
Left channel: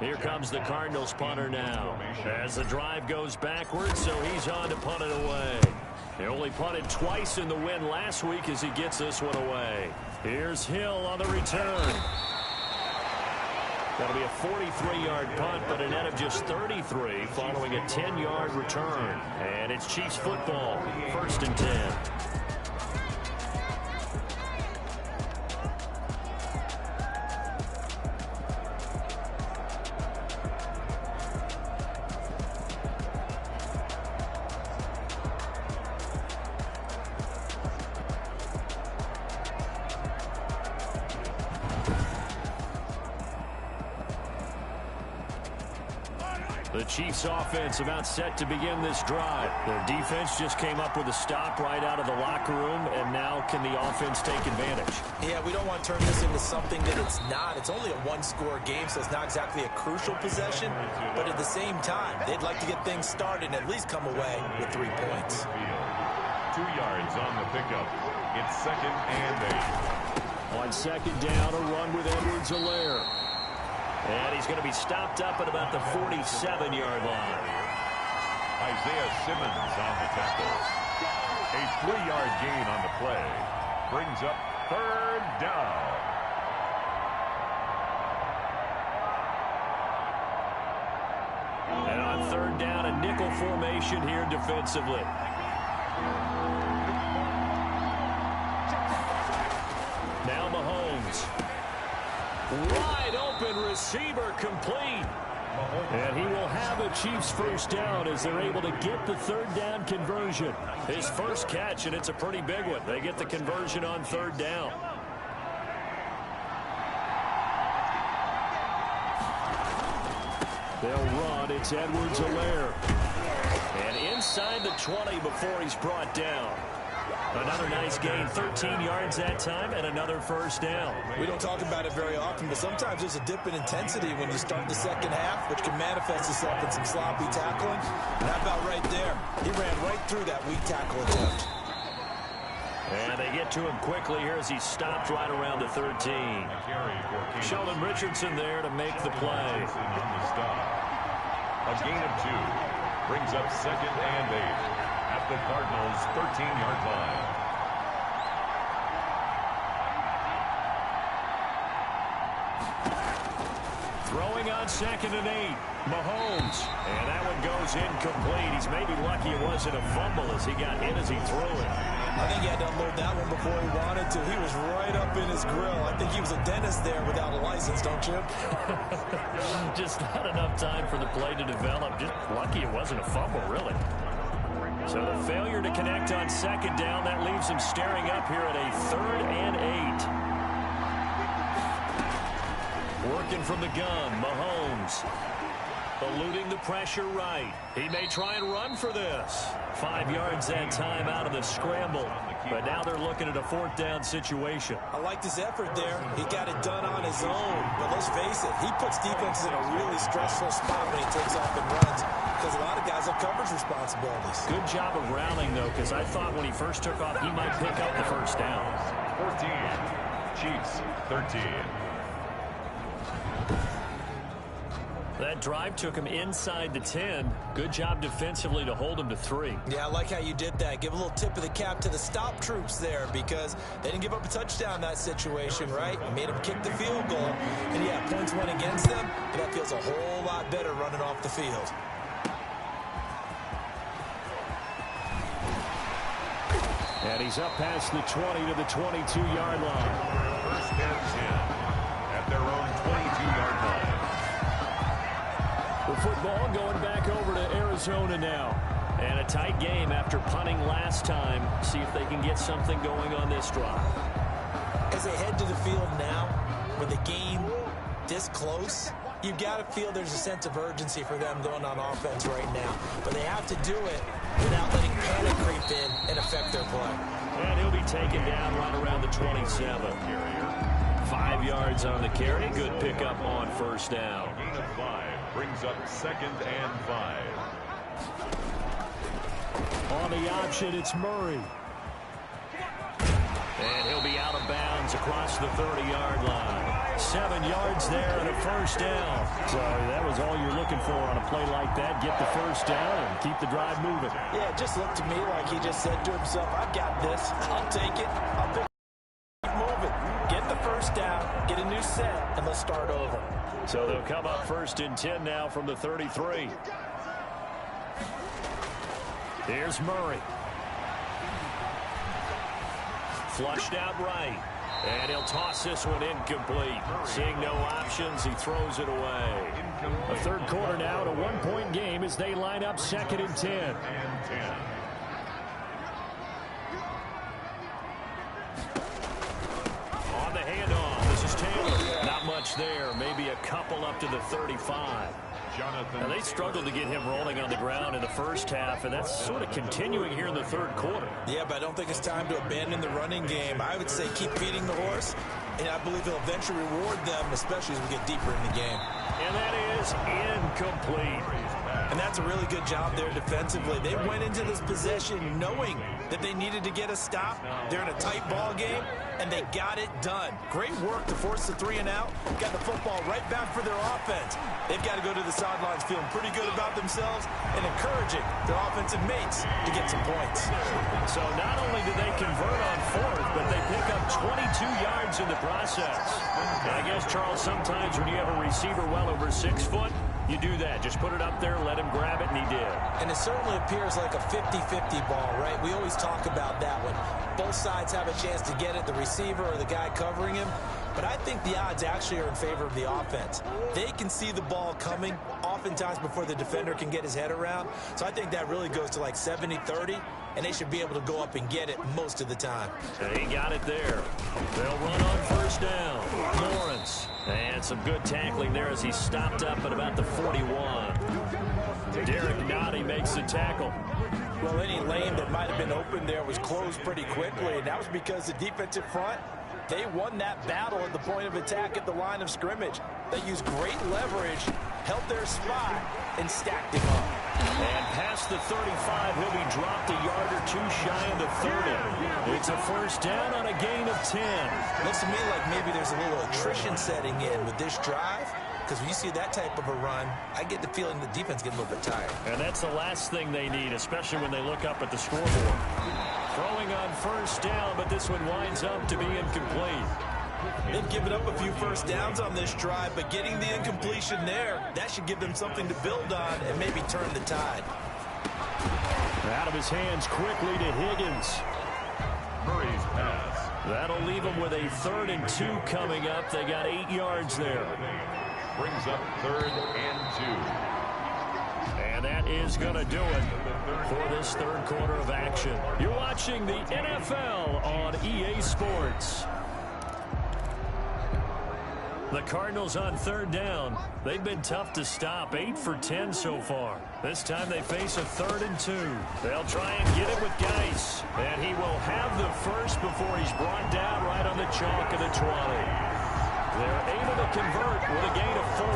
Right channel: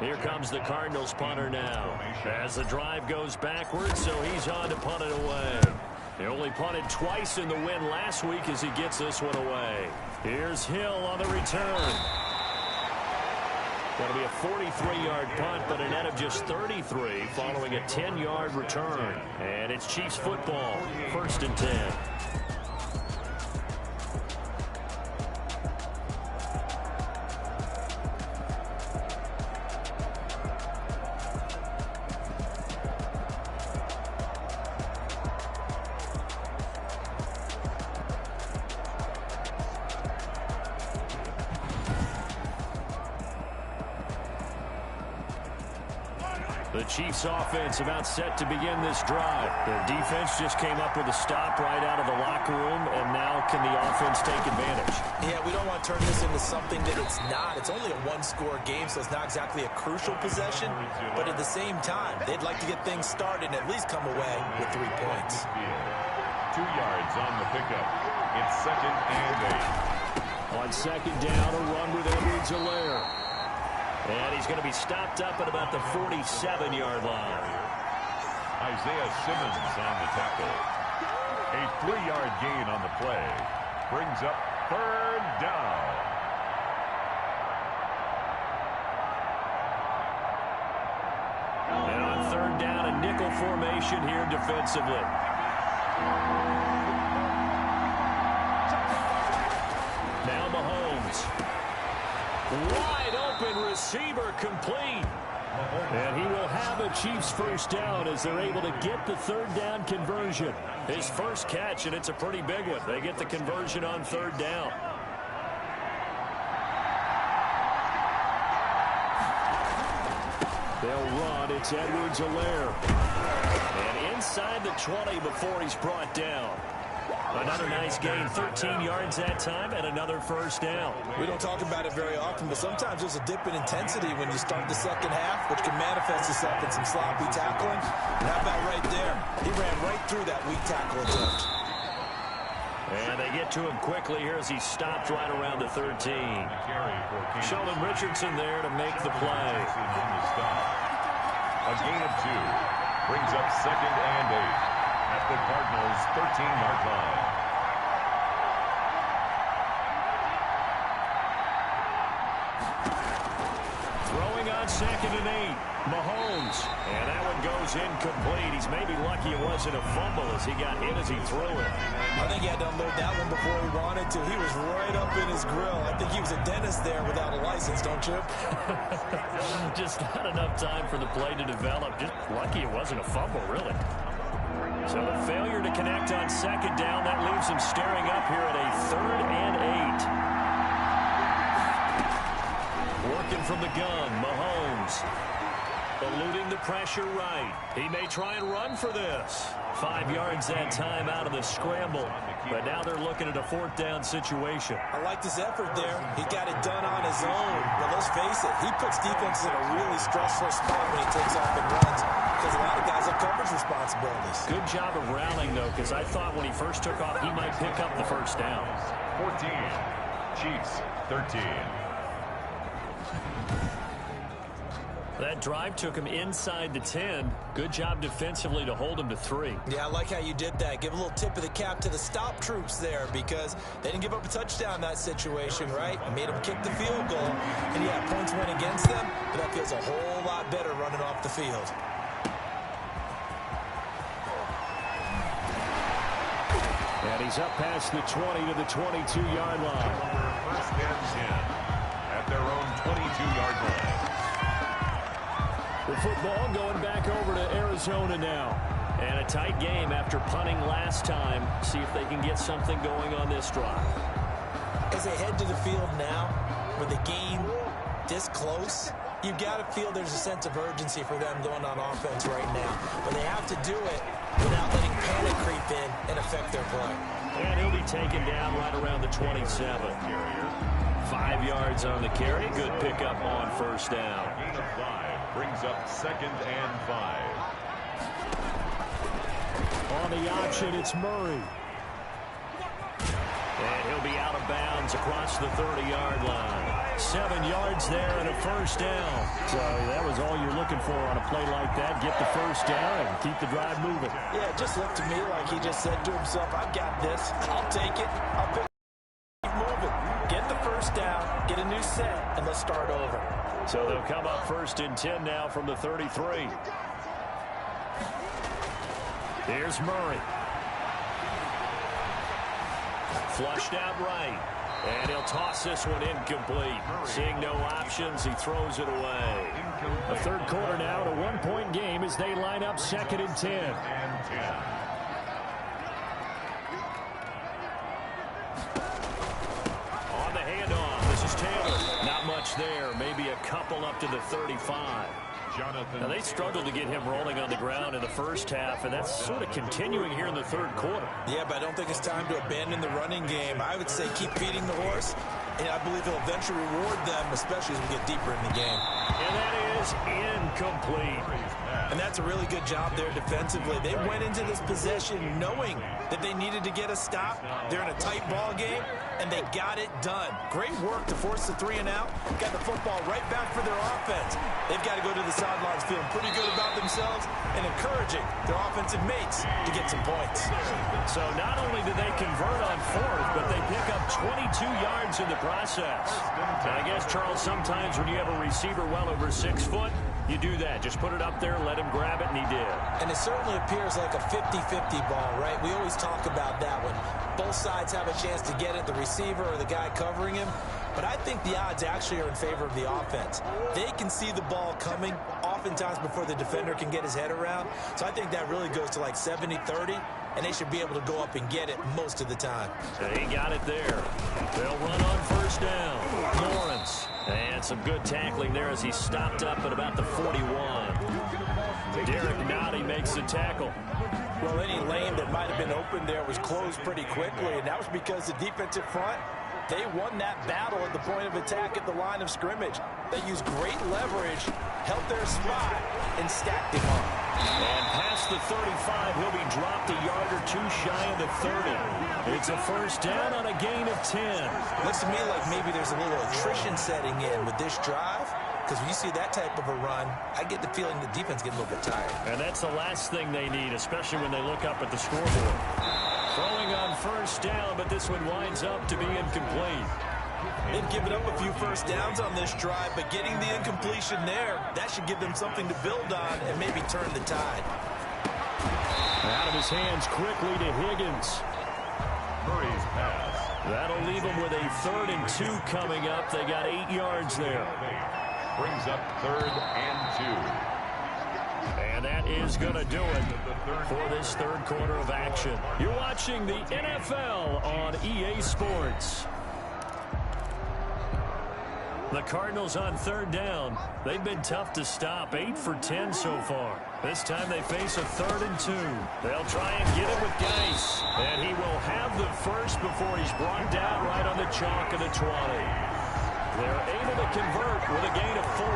Here comes the Cardinals punter now. As the drive goes backwards, so he's on to punt it away. He only punted twice in the win last week as he gets this one away. Here's Hill on the return. That'll be a 43-yard punt, but a net of just 33 following a 10-yard return. And it's Chiefs football, 1st and 10. The Chiefs offense about set to begin this drive. Their defense just came up with a stop right out of the locker room, and now can the offense take advantage? Yeah, we don't want to turn this into something that it's not. It's only a one-score game, so it's not exactly a crucial possession. But at the same time, they'd like to get things started and at least come away with 3 points. 2 yards on the pickup. It's 2nd and 8. On 2nd down, a run with Edwards-Helaire. And he's going to be stopped up at about the 47-yard line. Isaiah Simmons on the tackle. A 3-yard gain on the play. Brings up 3rd down. And on 3rd down, a nickel formation here defensively. Now Mahomes. Wide open receiver complete. And he will have a Chiefs 1st down as they're able to get the 3rd down conversion. His first catch, and it's a pretty big one. They get the conversion on 3rd down. They'll run. It's Edwards-Helaire. And inside the 20 before he's brought down. Another nice gain, 13 yards that time, and another 1st down. We don't talk about it very often, but sometimes there's a dip in intensity when you start the second half, which can manifest itself in some sloppy tackling. And how about right there? He ran right through that weak tackle attempt. And they get to him quickly here as he stopped right around the 13. Sheldon Richardson there to make the play. On the stop. A gain of 2. Brings up 2nd and 8. At the Cardinals' 13-yard line. Throwing on 2nd and 8. Mahomes. And that one goes incomplete. He's maybe lucky it wasn't a fumble as he got hit as he threw it. I think he had to unload that one before he wanted to. He was right up in his grill. I think he was a dentist there without a license, don't you? Just not enough time for the play to develop. Just lucky it wasn't a fumble, really. So the failure to connect on 2nd down, that leaves him staring up here at a 3rd and 8. Working from the gun, Mahomes. Eluding the pressure right. He may try and run for this. 5 yards that time out of the scramble. But now they're looking at a 4th down situation. I liked his effort there. He got it done on his own. But let's face it, he puts defenses in a really stressful spot when he takes off and runs. Because a lot of guys have coverage responsibilities. Good job of rounding, though, because I thought when he first took off, he might pick up the 1st down. 14. Chiefs, 13. That drive took him inside the 10. Good job defensively to hold him to 3. Yeah, I like how you did that. Give a little tip of the cap to the stop troops there because they didn't give up a touchdown in that situation, right? Made them kick the field goal. And, yeah, points went against them, but that feels a whole lot better running off the field. And he's up past the 20 to the 22-yard line. 1st and 10 at their own 22-yard line. The football going back over to Arizona now. And a tight game after punting last time. See if they can get something going on this drive. As they head to the field now, with the game this close, you've got to feel there's a sense of urgency for them going on offense right now. But they have to do it without letting panic creep in and affect their play. And he'll be taken down right around the 27. 5 yards on the carry. Good pickup on 1st down. Gain of 5 brings up 2nd and 5. On the option, it's Murray. And he'll be out of bounds downs across the 30-yard line. 7 yards there and a first down. So that was all you're looking for on a play like that. Get the first down and keep the drive moving. Yeah, it just looked to me like he just said to himself, I've got this. I'll take it. I'll pick keep moving. Get the first down, get a new set, and let's start over. So they'll come up 1st and 10 now from the 33. Here's Murray. Flushed out right. And he'll toss this one incomplete. Seeing no options, he throws it away. A third quarter now, and a one-point game as they line up 2nd and 10. On the handoff, this is Taylor. Not much there, maybe a couple up to the 35. Now, they struggled to get him rolling on the ground in the first half, and that's sort of continuing here in the third quarter. Yeah, but I don't think it's time to abandon the running game. I would say keep feeding the horse, and I believe he'll eventually reward them, especially as we get deeper in the game. And that is incomplete. And that's a really good job there defensively. They went into this possession knowing that they needed to get a stop. They're in a tight ball game, and they got it done. Great work to force the 3 and out. Got the football right back for their offense. They've got to go to the sidelines feeling pretty good about themselves and encouraging their offensive mates to get some points. So not only did they convert on 4th, but they pick up 22 yards in the process. And I guess, Charles, sometimes when you have a receiver well over 6 foot, you do that. Just put it up there, let him grab it, and he did. And it certainly appears like a 50-50 ball, right? We always talk about that when both sides have a chance to get it, the receiver or the guy covering him. But I think the odds actually are in favor of the offense. They can see the ball coming oftentimes before the defender can get his head around. So I think that really goes to like 70-30, and they should be able to go up and get it most of the time. And he got it there. They'll run on 1st down. Lawrence. And some good tackling there as he stopped up at about the 41. Derek Nottie makes the tackle. Well, any lane that might have been open there was closed pretty quickly, and that was because the defensive front, they won that battle at the point of attack at the line of scrimmage. They used great leverage, held their spot, and stacked him up. And past the 35, he'll be dropped a yard or two shy of the 30. It's a first down on a gain of 10. Looks to me like maybe there's a little attrition setting in with this drive, because when you see that type of a run, I get the feeling the defense gets a little bit tired. And that's the last thing they need, especially when they look up at the scoreboard. Throwing on 1st down, but this one winds up to be incomplete. They've given up a few first downs on this drive, but getting the incompletion there, that should give them something to build on and maybe turn the tide. Out of his hands quickly to Higgins. Murray's pass. That'll leave them with a 3rd and 2 coming up. They got 8 yards there. Brings up 3rd and 2. And that is going to do it for this third quarter of action. You're watching the NFL on EA Sports. The Cardinals on 3rd down. They've been tough to stop. 8 for 10 so far. This time they face a 3rd and 2. They'll try and get it with Geis. And he will have the first before he's brought down right on the chalk of the 20. They're able to convert with a gain of 4.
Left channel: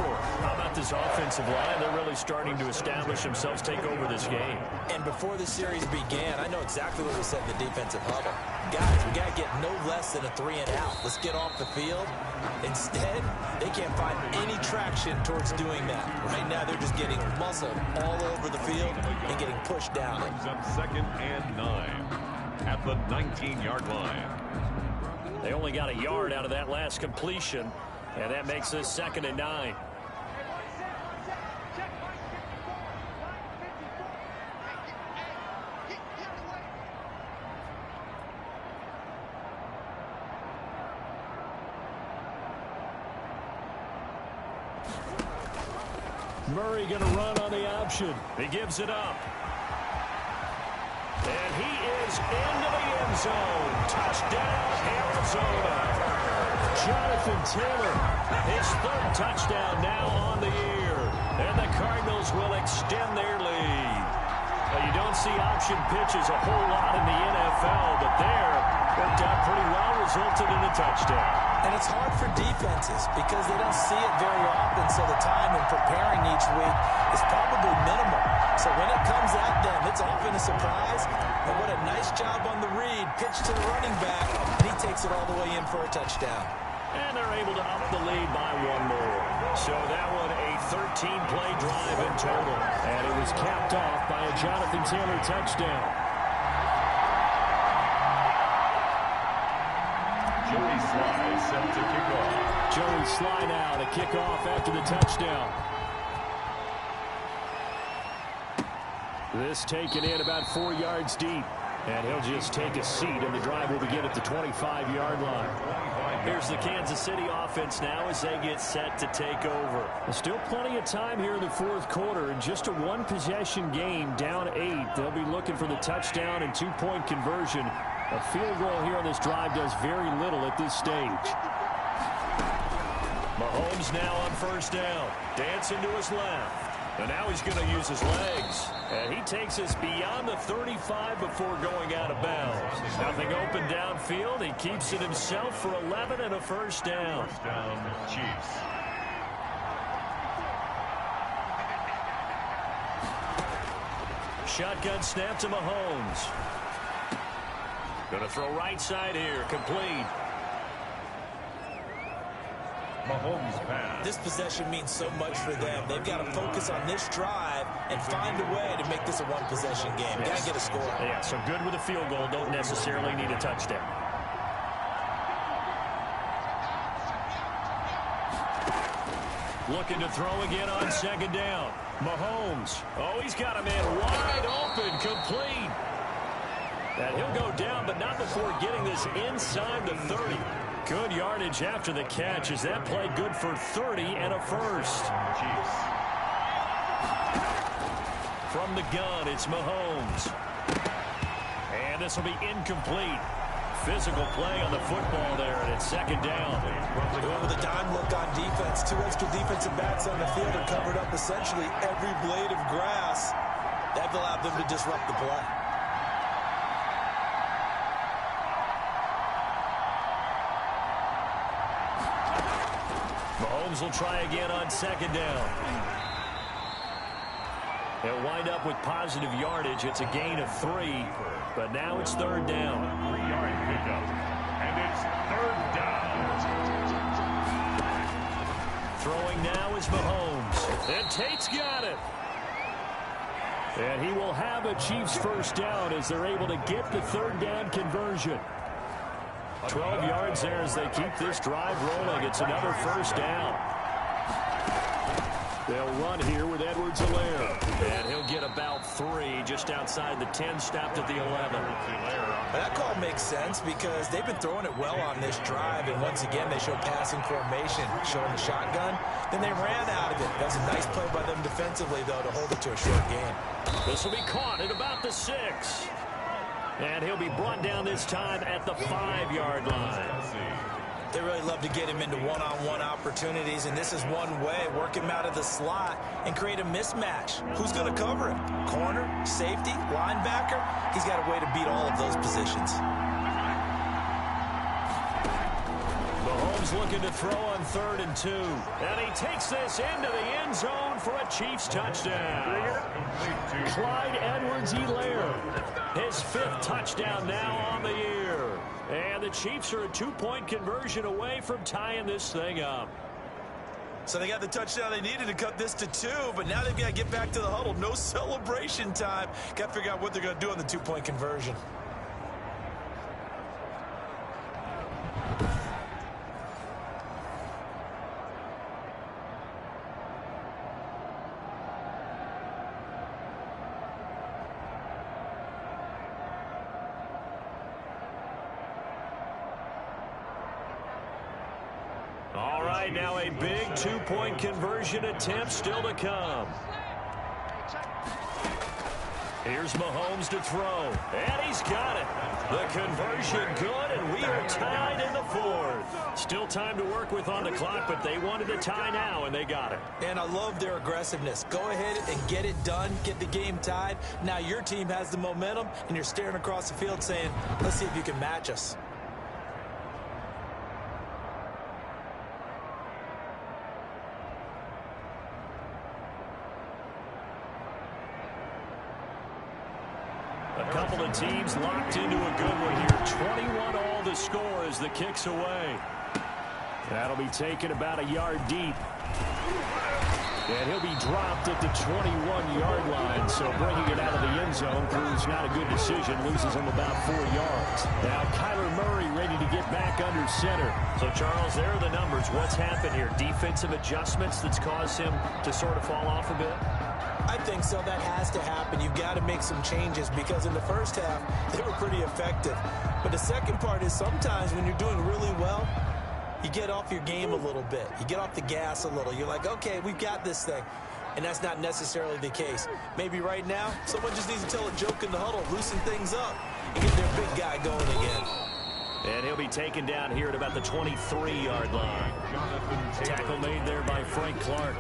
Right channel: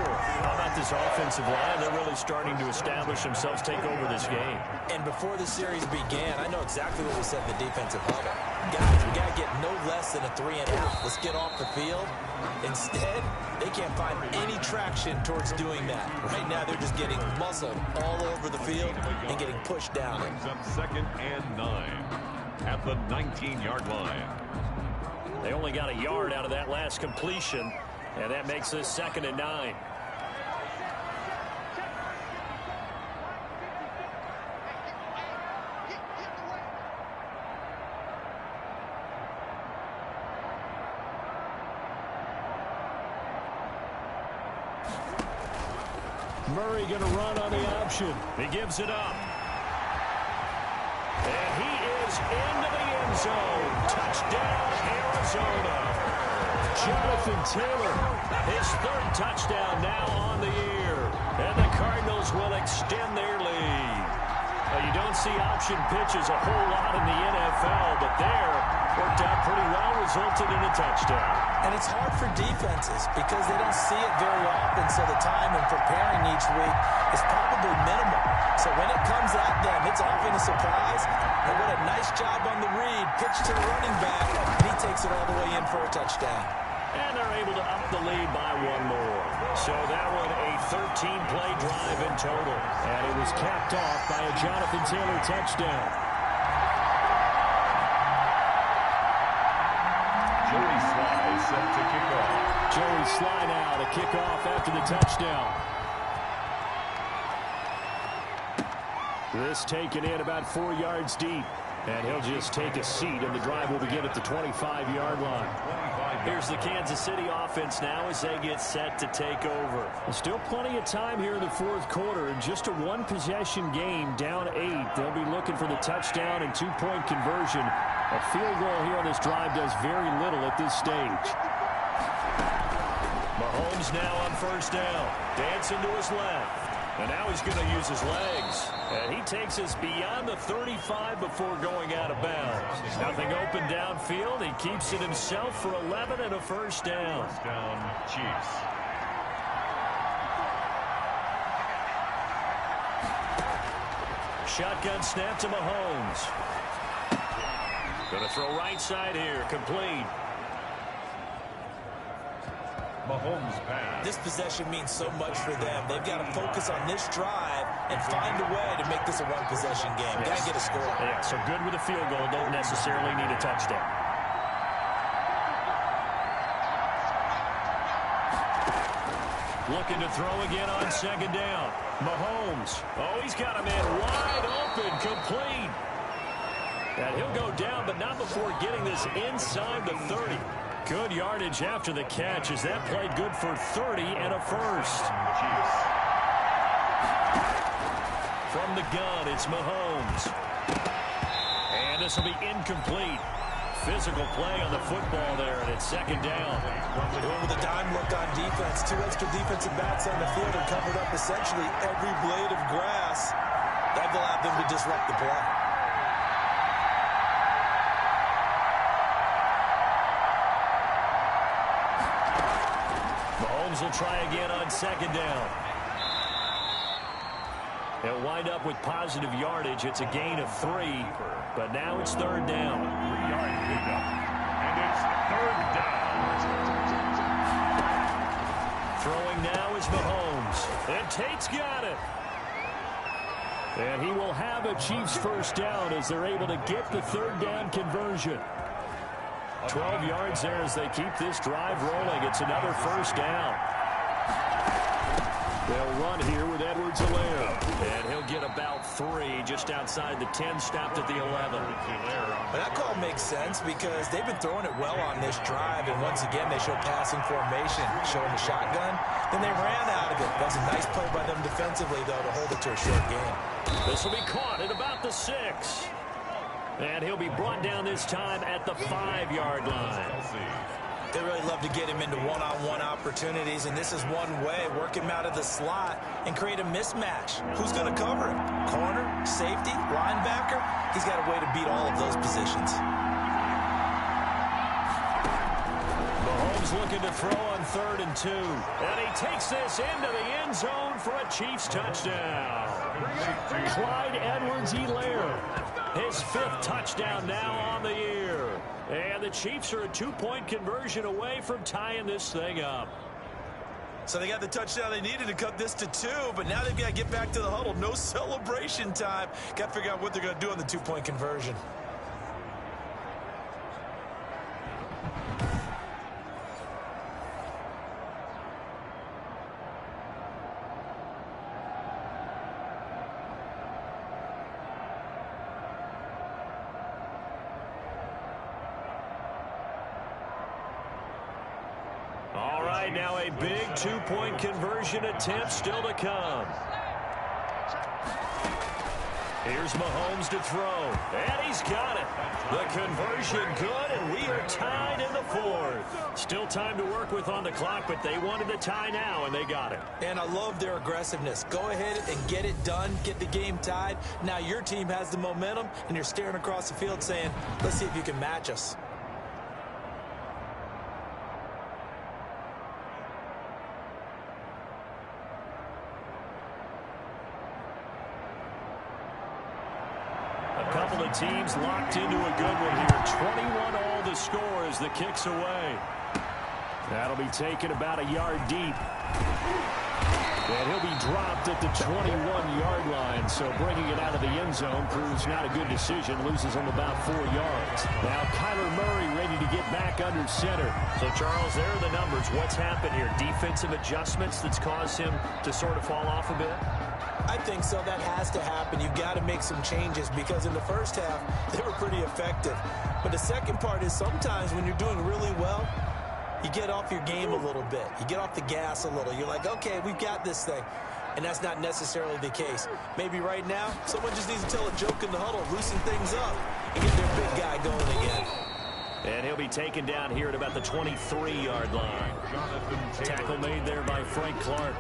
How about this offensive line? They're really starting to establish themselves, take over this game. And before the series began, I know exactly what we said in the defensive huddle. Guys, we got to get no less than a 3 and out. Let's get off the field. Instead, they can't find any traction towards doing that. Right now, they're just getting muscled all over the field and getting pushed down. Brings up 2nd and 9 at the 19-yard line. They only got a yard out of that last completion, and that makes this 2nd and 9. Murray going to run on the option. He gives it up. And he is into the end zone. Touchdown, Arizona. Jonathan Taylor. His 3rd touchdown now on the year. And the Cardinals will extend their lead. Well, you don't see option pitches a whole lot in the NFL, but there worked out pretty well, resulted in a touchdown. And it's hard for defenses because they don't see it very often, so the time in preparing each week is probably minimal. So when it comes at them, it's often a surprise. And what a nice job on the read. Pitch to the running back, and he takes it all the way in for a touchdown. And they're able to up the lead by one more. So that one a 13-play drive in total. And it was capped off by a Jonathan Taylor touchdown. Joey Sly set to kick off. Joey Sly now to kick off after the touchdown. This taken in about 4 yards deep. And he'll just take a seat, and the drive will begin at the 25-yard line. Here's the Kansas City offense now as they get set to take over. There's still plenty of time here in the fourth quarter, and just a one-possession game, down 8. They'll be looking for the touchdown and two-point conversion. A field goal here on this drive does very little at this stage. Mahomes now on first down. Dancing to his left. And now he's going to use his legs. And he takes us beyond the 35 before going out of bounds. Nothing open downfield. He keeps it himself for 11 and a first down. First down, Chiefs. Shotgun snap to Mahomes. Going to throw right side here. Complete. Mahomes pass. This possession means so much for them. They've got to focus on this drive and find a way to make this a one-possession game. Got to get a score. Yeah, so good with a field goal. Don't necessarily need a touchdown. Looking to throw again on second down. Mahomes. Oh, he's got a man wide open. Complete. And he'll go down, but not before getting this inside the 30. Good yardage after the catch as that played good for 30 and a first. Chiefs. From the gun, it's Mahomes. And this will be incomplete. Physical play on the football there, and it's second down. Doing with a dime look on defense. 2 extra defensive backs on the field and covered up essentially every blade of grass. That allowed them to disrupt the play. Mahomes will try again on second down. He'll wind up with positive yardage. It's a gain of 3, but now it's third down. 3-yard pickup, and it's third down. Throwing now is Mahomes. And Tate's got it. And he will have a Chiefs first down as they're able to get the third down conversion. 12 yards there as they keep this drive rolling. It's another first down. They'll run here with Edwards-Helaire. And he'll get about 3 just outside the 10, stopped at the 11. But that call makes sense because they've been throwing it well on this drive, and once again they show passing formation, showing the shotgun. Then they ran out of it. That's a nice play by them defensively, though, to hold it to a short game. This will be caught at about the 6. And he'll be brought down this time at the 5-yard line. They really love to get him into one-on-one opportunities, and this is one way. Work him out of the slot and create a mismatch. Who's going to cover him? Corner, safety, linebacker? He's got a way to beat all of those positions. Mahomes looking to throw on 3rd and 2. And he takes this into the end zone for a Chiefs touchdown. Clyde Edwards-Helaire. His 5th touchdown now on the year. And the Chiefs are a 2-point conversion away from tying this thing up. So they got the touchdown they needed to cut this to 2, but now they've got to get back to the huddle. No celebration time. Got to figure out what they're going to do on the 2-point conversion. All right, now a big 2-point conversion attempt still to come. Here's Mahomes to throw, and he's got it. The conversion good, and we are tied in the 4th. Still time to work with on the clock, but they wanted the tie now, and they got it. And I love their aggressiveness. Go ahead and get it done, get the game tied. Now your team has the momentum, and you're staring across the field saying, let's see if you can match us. A couple of teams locked into a good one here. 21 all the score as the kick's away. That'll be taken about a yard deep. And he'll be dropped at the 21-yard line. So bringing it out of the end zone proves not a good decision. Loses him about 4 yards. Now Kyler Murray ready to get back under center. So, Charles, there are the numbers. What's happened here? Defensive adjustments that's caused him to sort of fall off a bit? I think so. That has to happen. You've got to make some changes because in the first half, they were pretty effective. But the second part is sometimes when you're doing really well, you get off your game a little bit. You get off the gas a little. You're like, okay, we've got this thing. And that's not necessarily the case. Maybe right now, someone just needs to tell a joke in the huddle, loosen things up, and get their big guy going again. And he'll be taken down here at about the 23-yard line. Tackle made there by Frank Clark.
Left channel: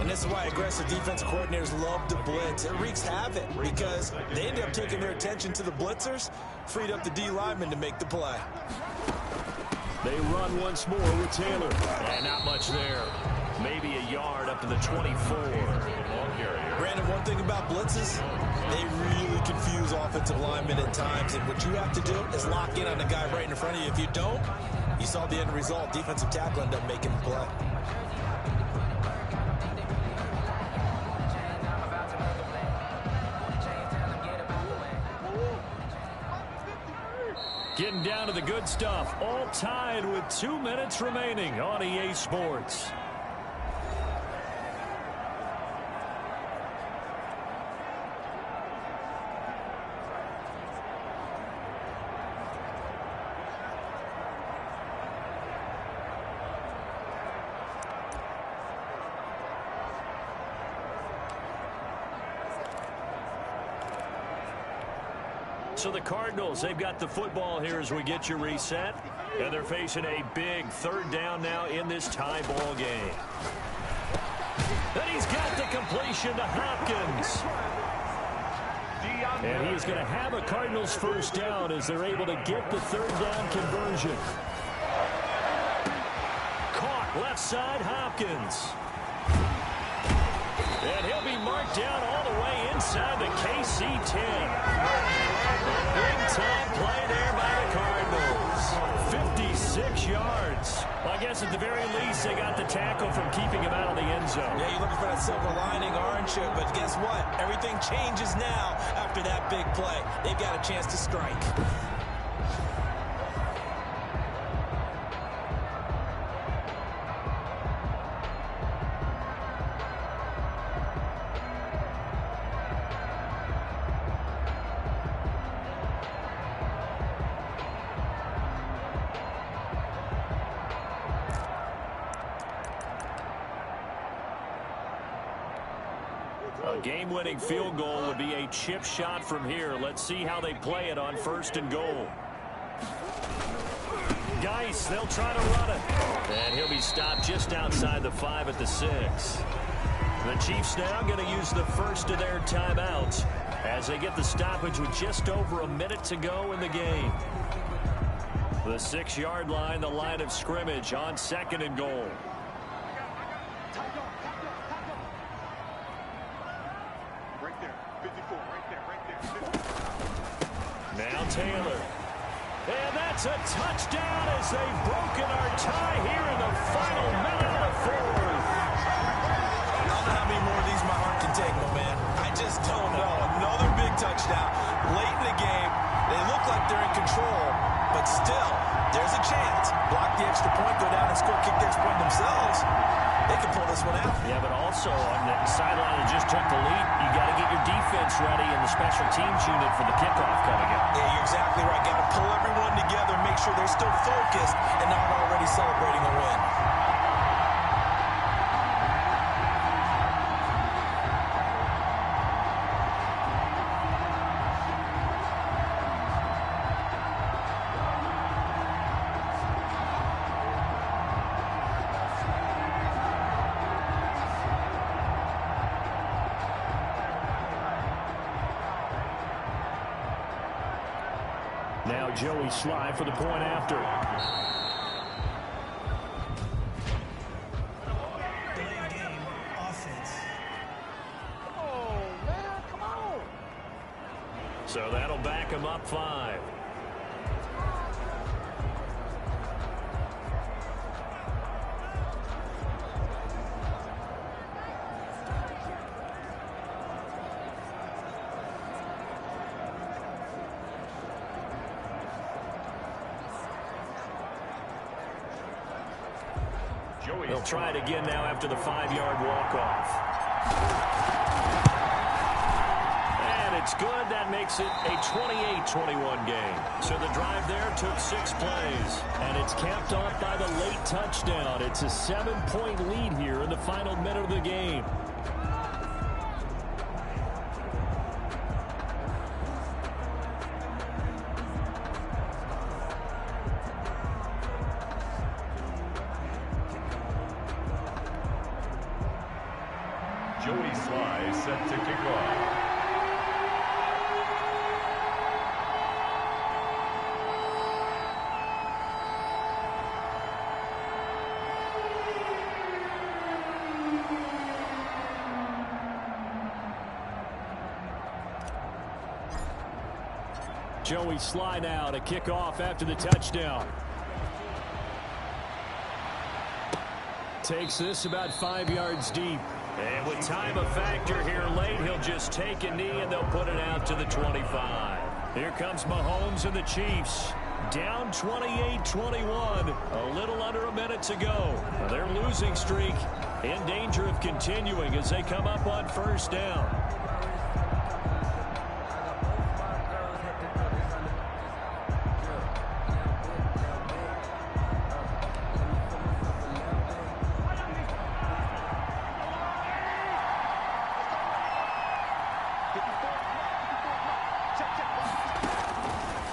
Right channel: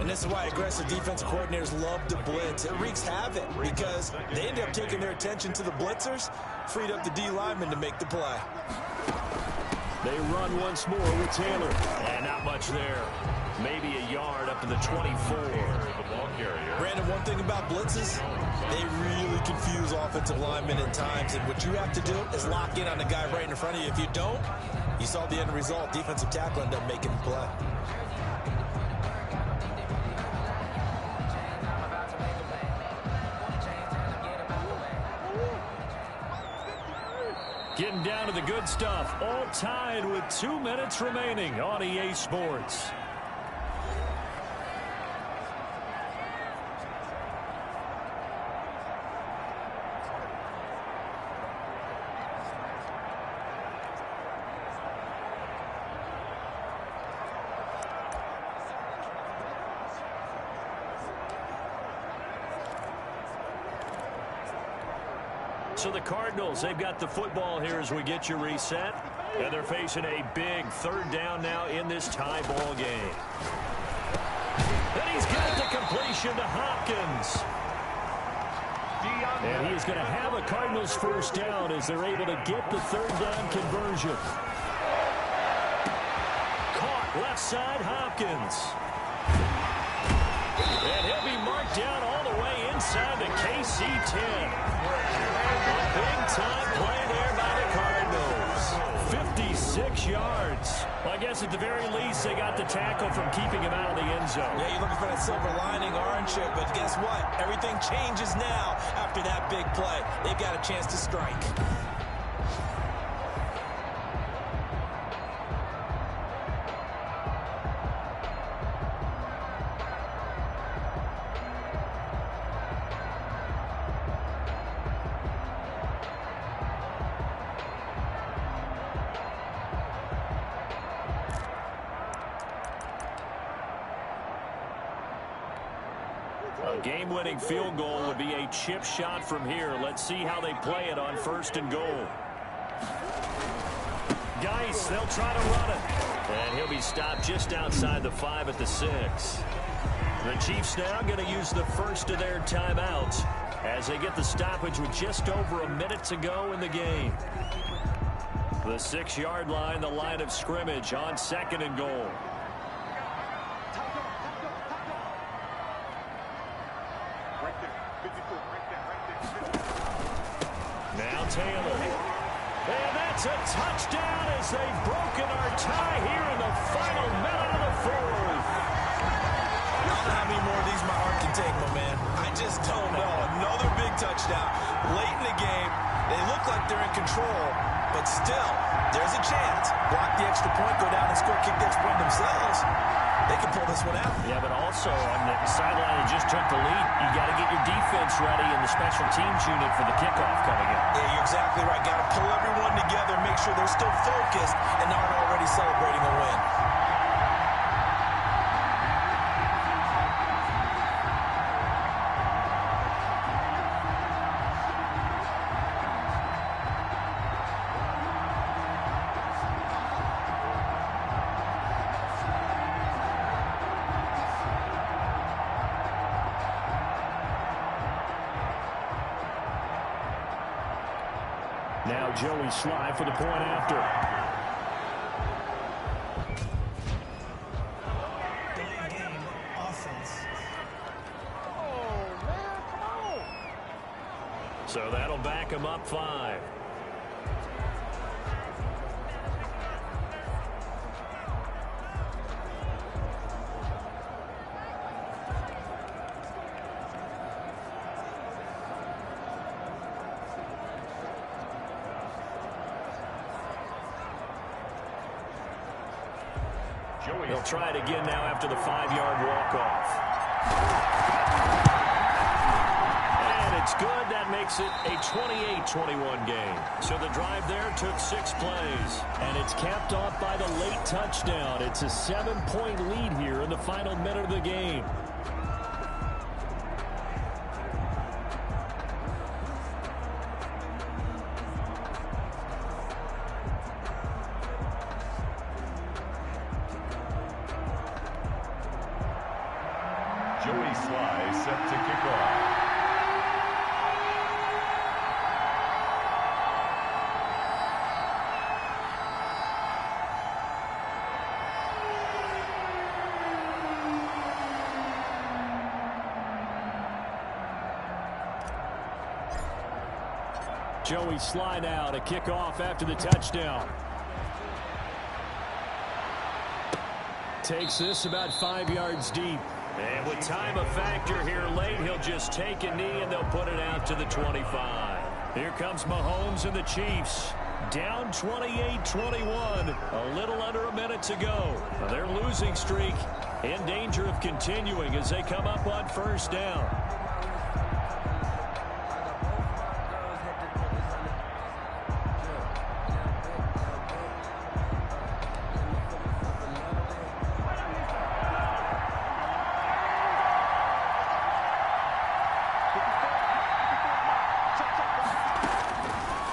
And this is why aggressive defensive coordinators love to blitz. It wreaks havoc because they end up taking their attention to the blitzers, freed up the D lineman to make the play. They run once more with Taylor. And not much there. Maybe a yard up to the 24. Brandon, one thing about blitzes, they really confuse offensive linemen at times. And what you have to do is lock in on the guy right in front of you. If you don't, you saw the end result. Defensive tackle ended up making the play. Getting down to the good stuff. All tied with 2 minutes remaining on EA Sports. So the Cardinals, they've got the football here as we get you reset. And they're facing a big third down now in this tie ball game. And he's got the completion to Hopkins. And he's going to have a Cardinals first down as they're able to get the third down conversion. Caught left side, Hopkins. And he'll be marked down all the way inside the KC-10. A big-time play there by the Cardinals. 56 yards. Well, I guess at the very least they got the tackle from keeping him out of the end zone. Yeah, you're looking for that silver lining, aren't you? But guess what? Everything changes now after that big play. They've got a chance to strike. A game-winning field goal would be a chip shot from here. Let's see how they play it on 1st and goal. Geis, they'll try to run it. And he'll be stopped just outside the 5 at the 6. The Chiefs now going to use the first of their timeouts as they get the stoppage with just over a minute to go in the game. The 6-yard line, the line of scrimmage on 2nd and goal. Now Taylor. And that's a touchdown as they've broken our tie here in the final minute of the 4th. I don't know how many more of these my heart can take, my man. I just don't know. Another big touchdown late in the game. They look like they're in control, but still, there's a chance. Block the extra point, go down and score, kick the extra point themselves. They can pull this one out. Yeah, but also on the sideline that just took the lead, you got to get your defense ready and the special teams unit for the kickoff coming up. Yeah, you're exactly right. Got to pull everyone together, make sure they're still focused and aren't already celebrating a win. Now Joey Sly for the point after. Delay game, offense. Oh, man, come on. So that'll back him up 5. They'll try it again now after the 5-yard walk-off. And it's good. That makes it a 28-21 game. So the drive there took 6 plays. And it's capped off by the late touchdown. It's a 7-point lead here in the final minute of the game. Joey Sly set to kick off. Joey Sly now to kick off after the touchdown. Takes this about 5 yards deep. And with time a factor here late, he'll just take a knee and they'll put it out to the 25. Here comes Mahomes and the Chiefs. Down 28-21. A little under a minute to go. Their losing streak in danger of continuing as they come up on first down.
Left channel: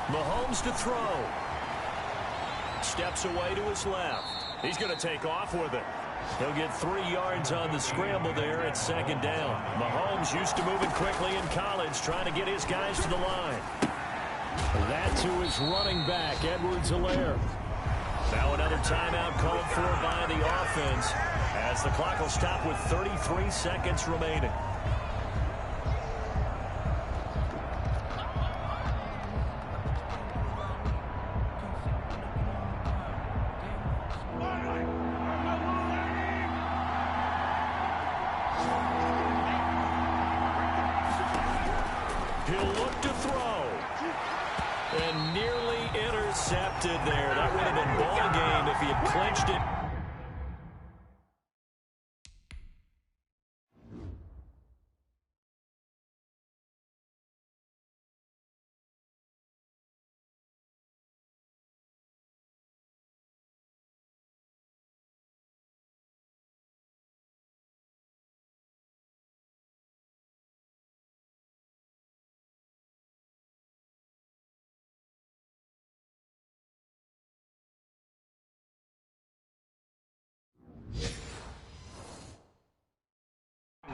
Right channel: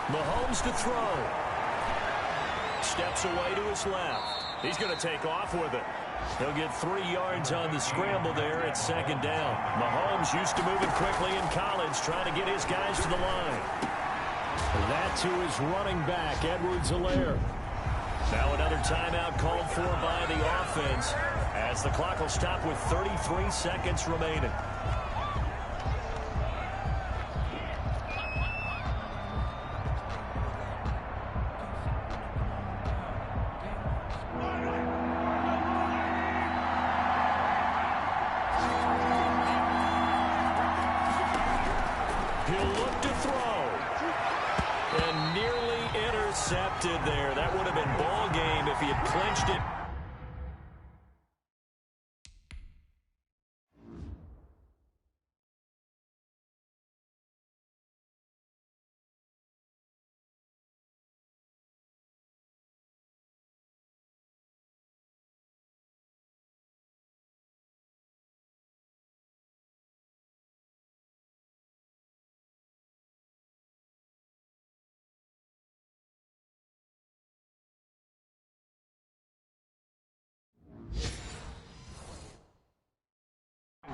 Mahomes to throw. Steps away to his left. He's going to take off with it. He'll get 3 yards on the scramble there at second down. Mahomes used to moving quickly in college, trying to get his guys to the line. That to his running back, Edwards-Helaire. Now another timeout called for by the offense as the clock will stop with 33 seconds remaining. He'll look to throw. And nearly intercepted there. That would have been ball game if he had clinched it.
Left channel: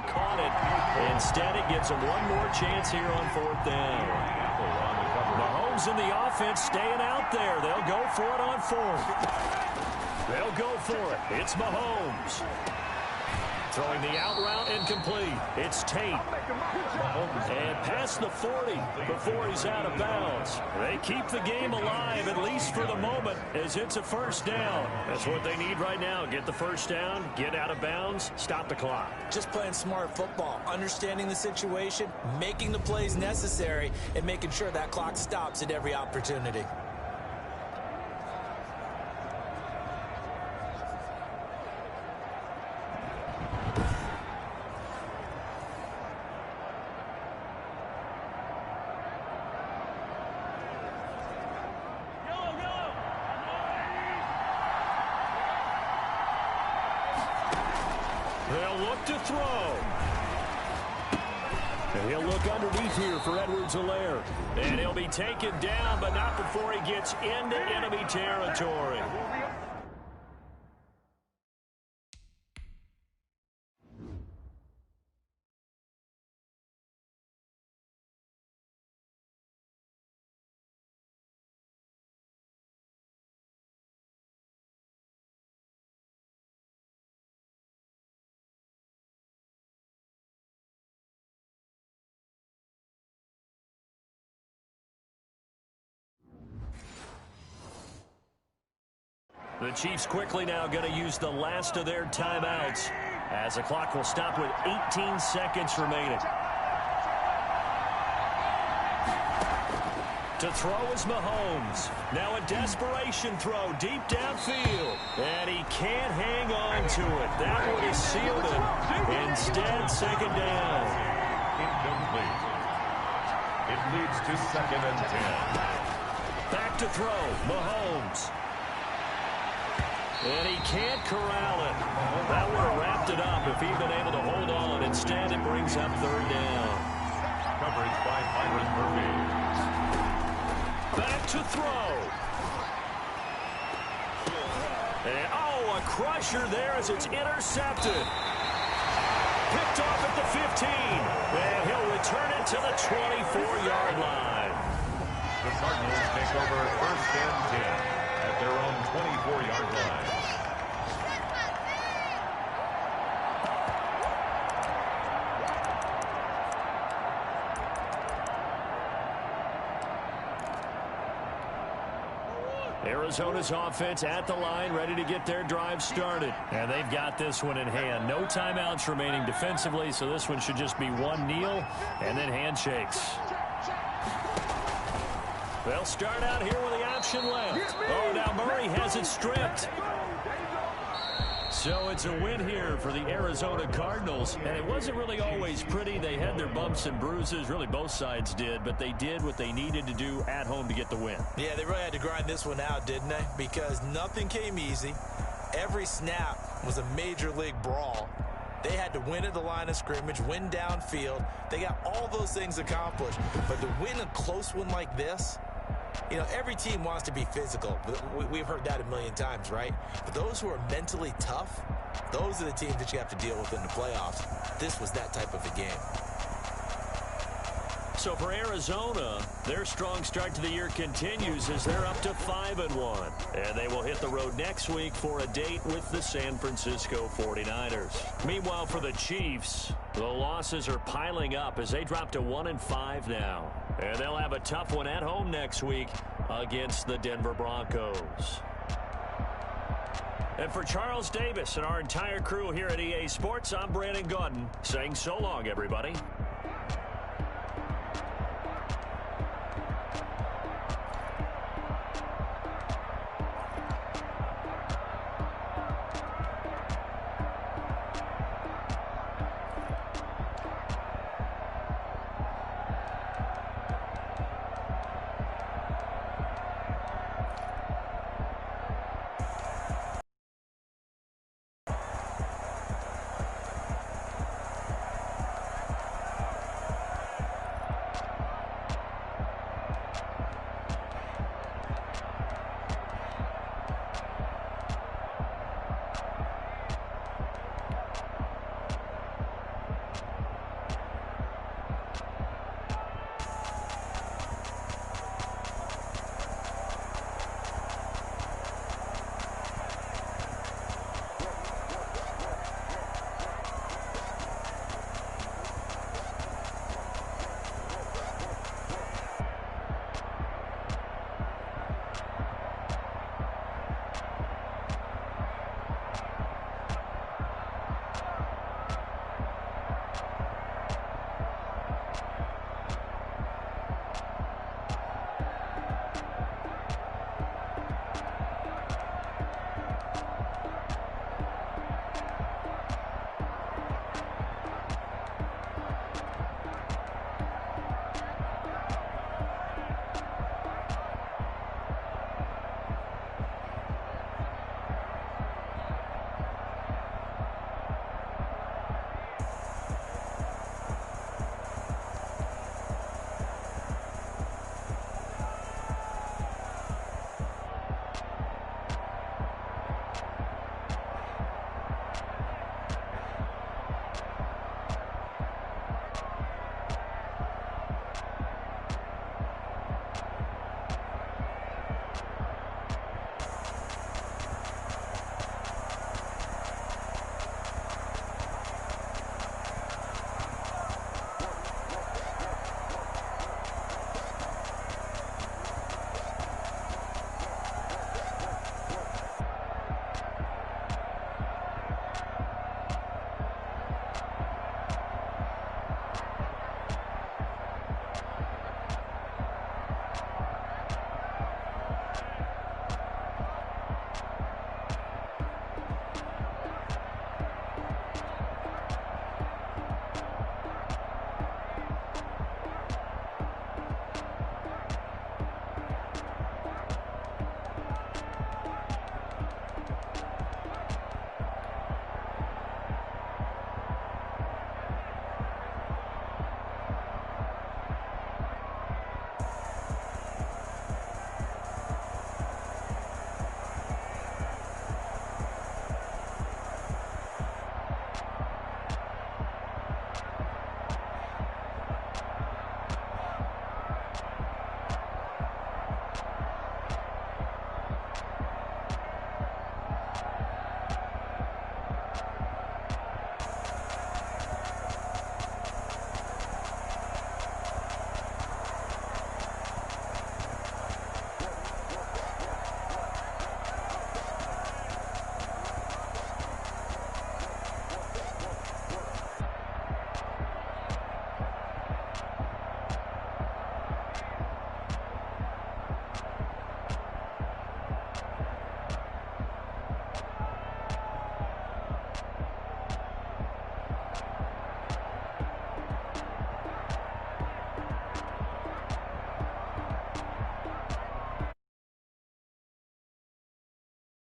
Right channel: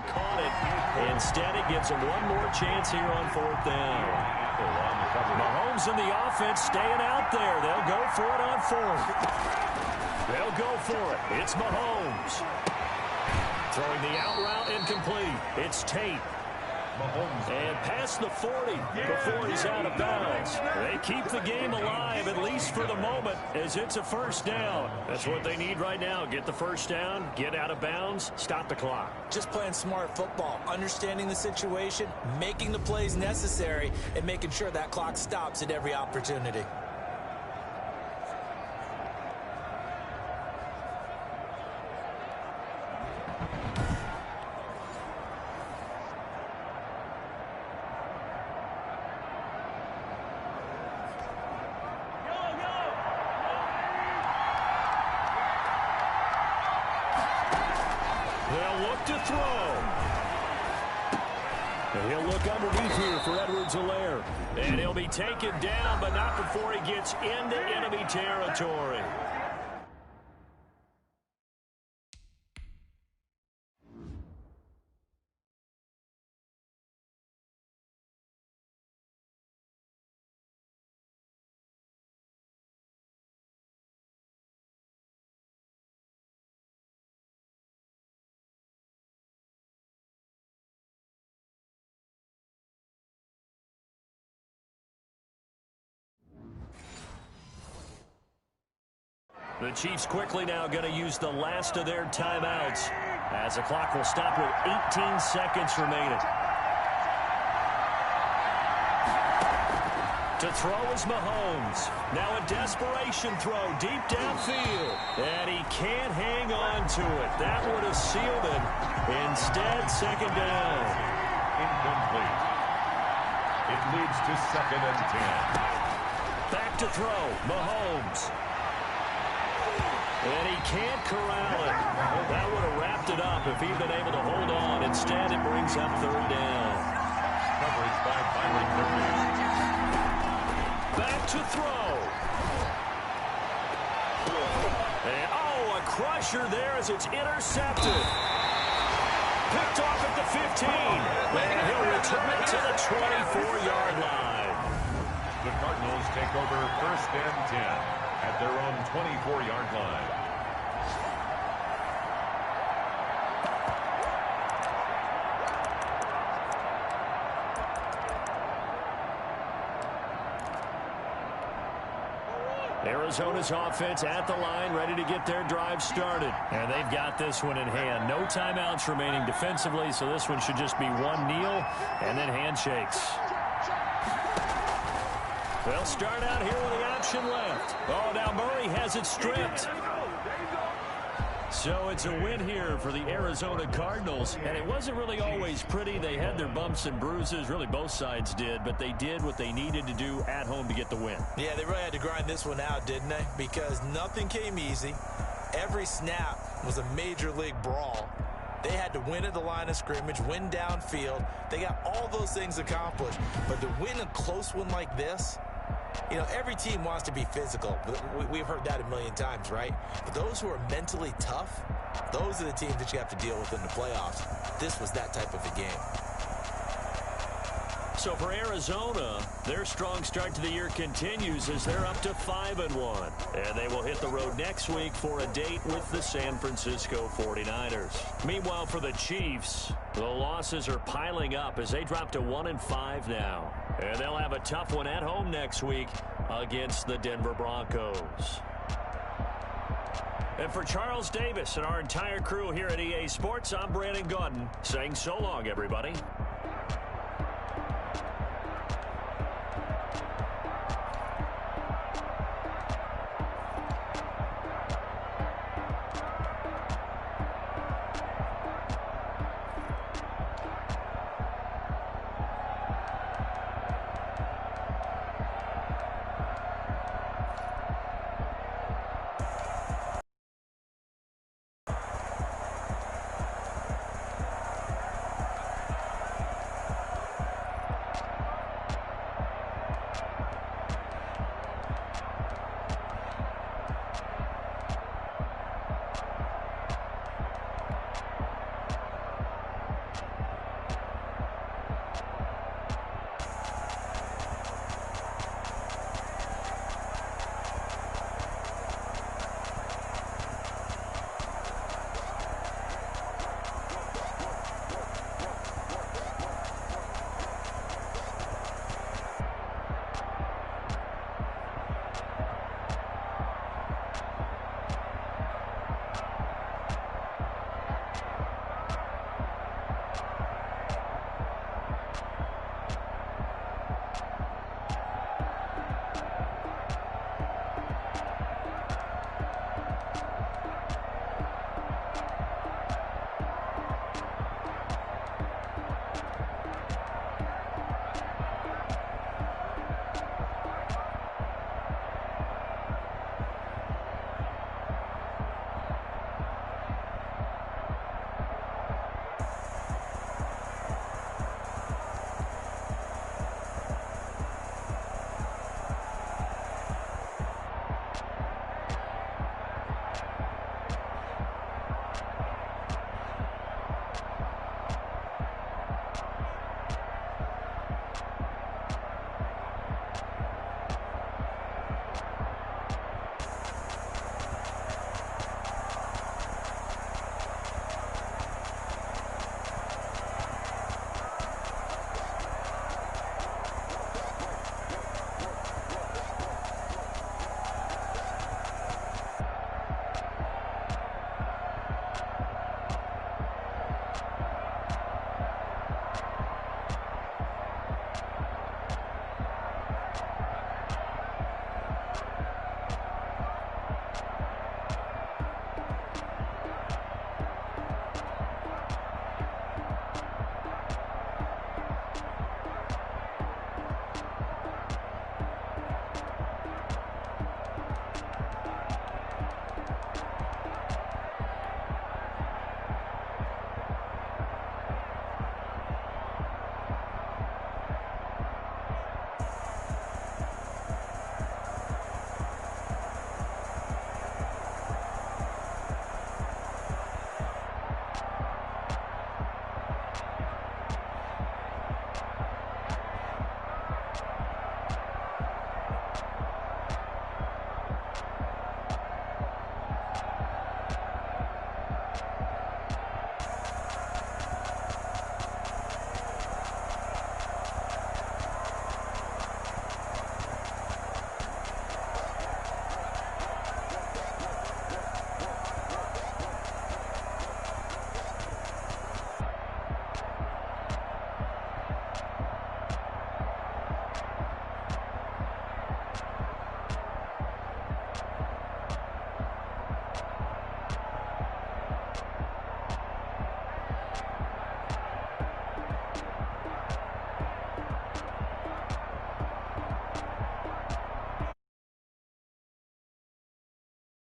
Caught it. Instead, it gives him one more chance here on fourth down. Mahomes and the offense staying out there. They'll go for it on fourth. They'll go for it. It's Mahomes. Throwing the out route incomplete. It's Tate. And past the 40 before he's out of bounds. They keep the game alive, at least for the moment, as it's a first down. That's what they need right now. Get the first down, get out of bounds, stop the clock. Just playing smart football, understanding the situation, making the plays necessary, and making sure that clock stops at every opportunity. They'll look to throw. And he'll look underneath here for Edwards-Helaire. And he'll be taken down, but not before he gets into enemy territory. The Chiefs quickly now going to use the last of their timeouts as the clock will stop with 18 seconds remaining. To throw is Mahomes. Now a desperation throw deep downfield. And he can't hang on to it. That would have sealed it. Instead, second down. Incomplete. It leads to 2nd and 10. Back to throw. Mahomes. And he can't corral it. That would have wrapped it up if he'd been able to hold on. Instead, it brings up 3rd down. Coverage by Byron Murphy. Back to throw. And, oh, a crusher there as it's intercepted. Picked off at the 15. And he'll return it to the 24-yard line. The Cardinals take over 1st and 10 at their own 24-yard line. Arizona's offense at the line, ready to get their drive started. And they've got this one in hand. No timeouts remaining defensively, so this one should just be one kneel and then handshakes. They'll start out here with the option left. Oh, now Murray has it stripped. So it's a win here for the Arizona Cardinals, and it wasn't really always pretty. They had their bumps and bruises, really both sides did, but they did what they needed to do at home to get the win. Yeah, they really had to grind this one out, didn't they? Because nothing came easy. Every snap was a major league brawl. They had to win at the line of scrimmage, win downfield. They got all those things accomplished. But to win a close one like this, you know, every team wants to be physical. We've heard that a million times, right? But those who are mentally tough, those are the teams that you have to deal with in the playoffs. This was that type of a game. So for Arizona, their strong start to the year continues as they're up to 5-1. And they will hit the road next week for a date with the San Francisco 49ers. Meanwhile, for the Chiefs, the losses are piling up as they drop to 1-5 now. And they'll have a tough one at home next week against the Denver Broncos. And for Charles Davis and our entire crew here at EA Sports, I'm Brandon Gaudin saying so long, everybody.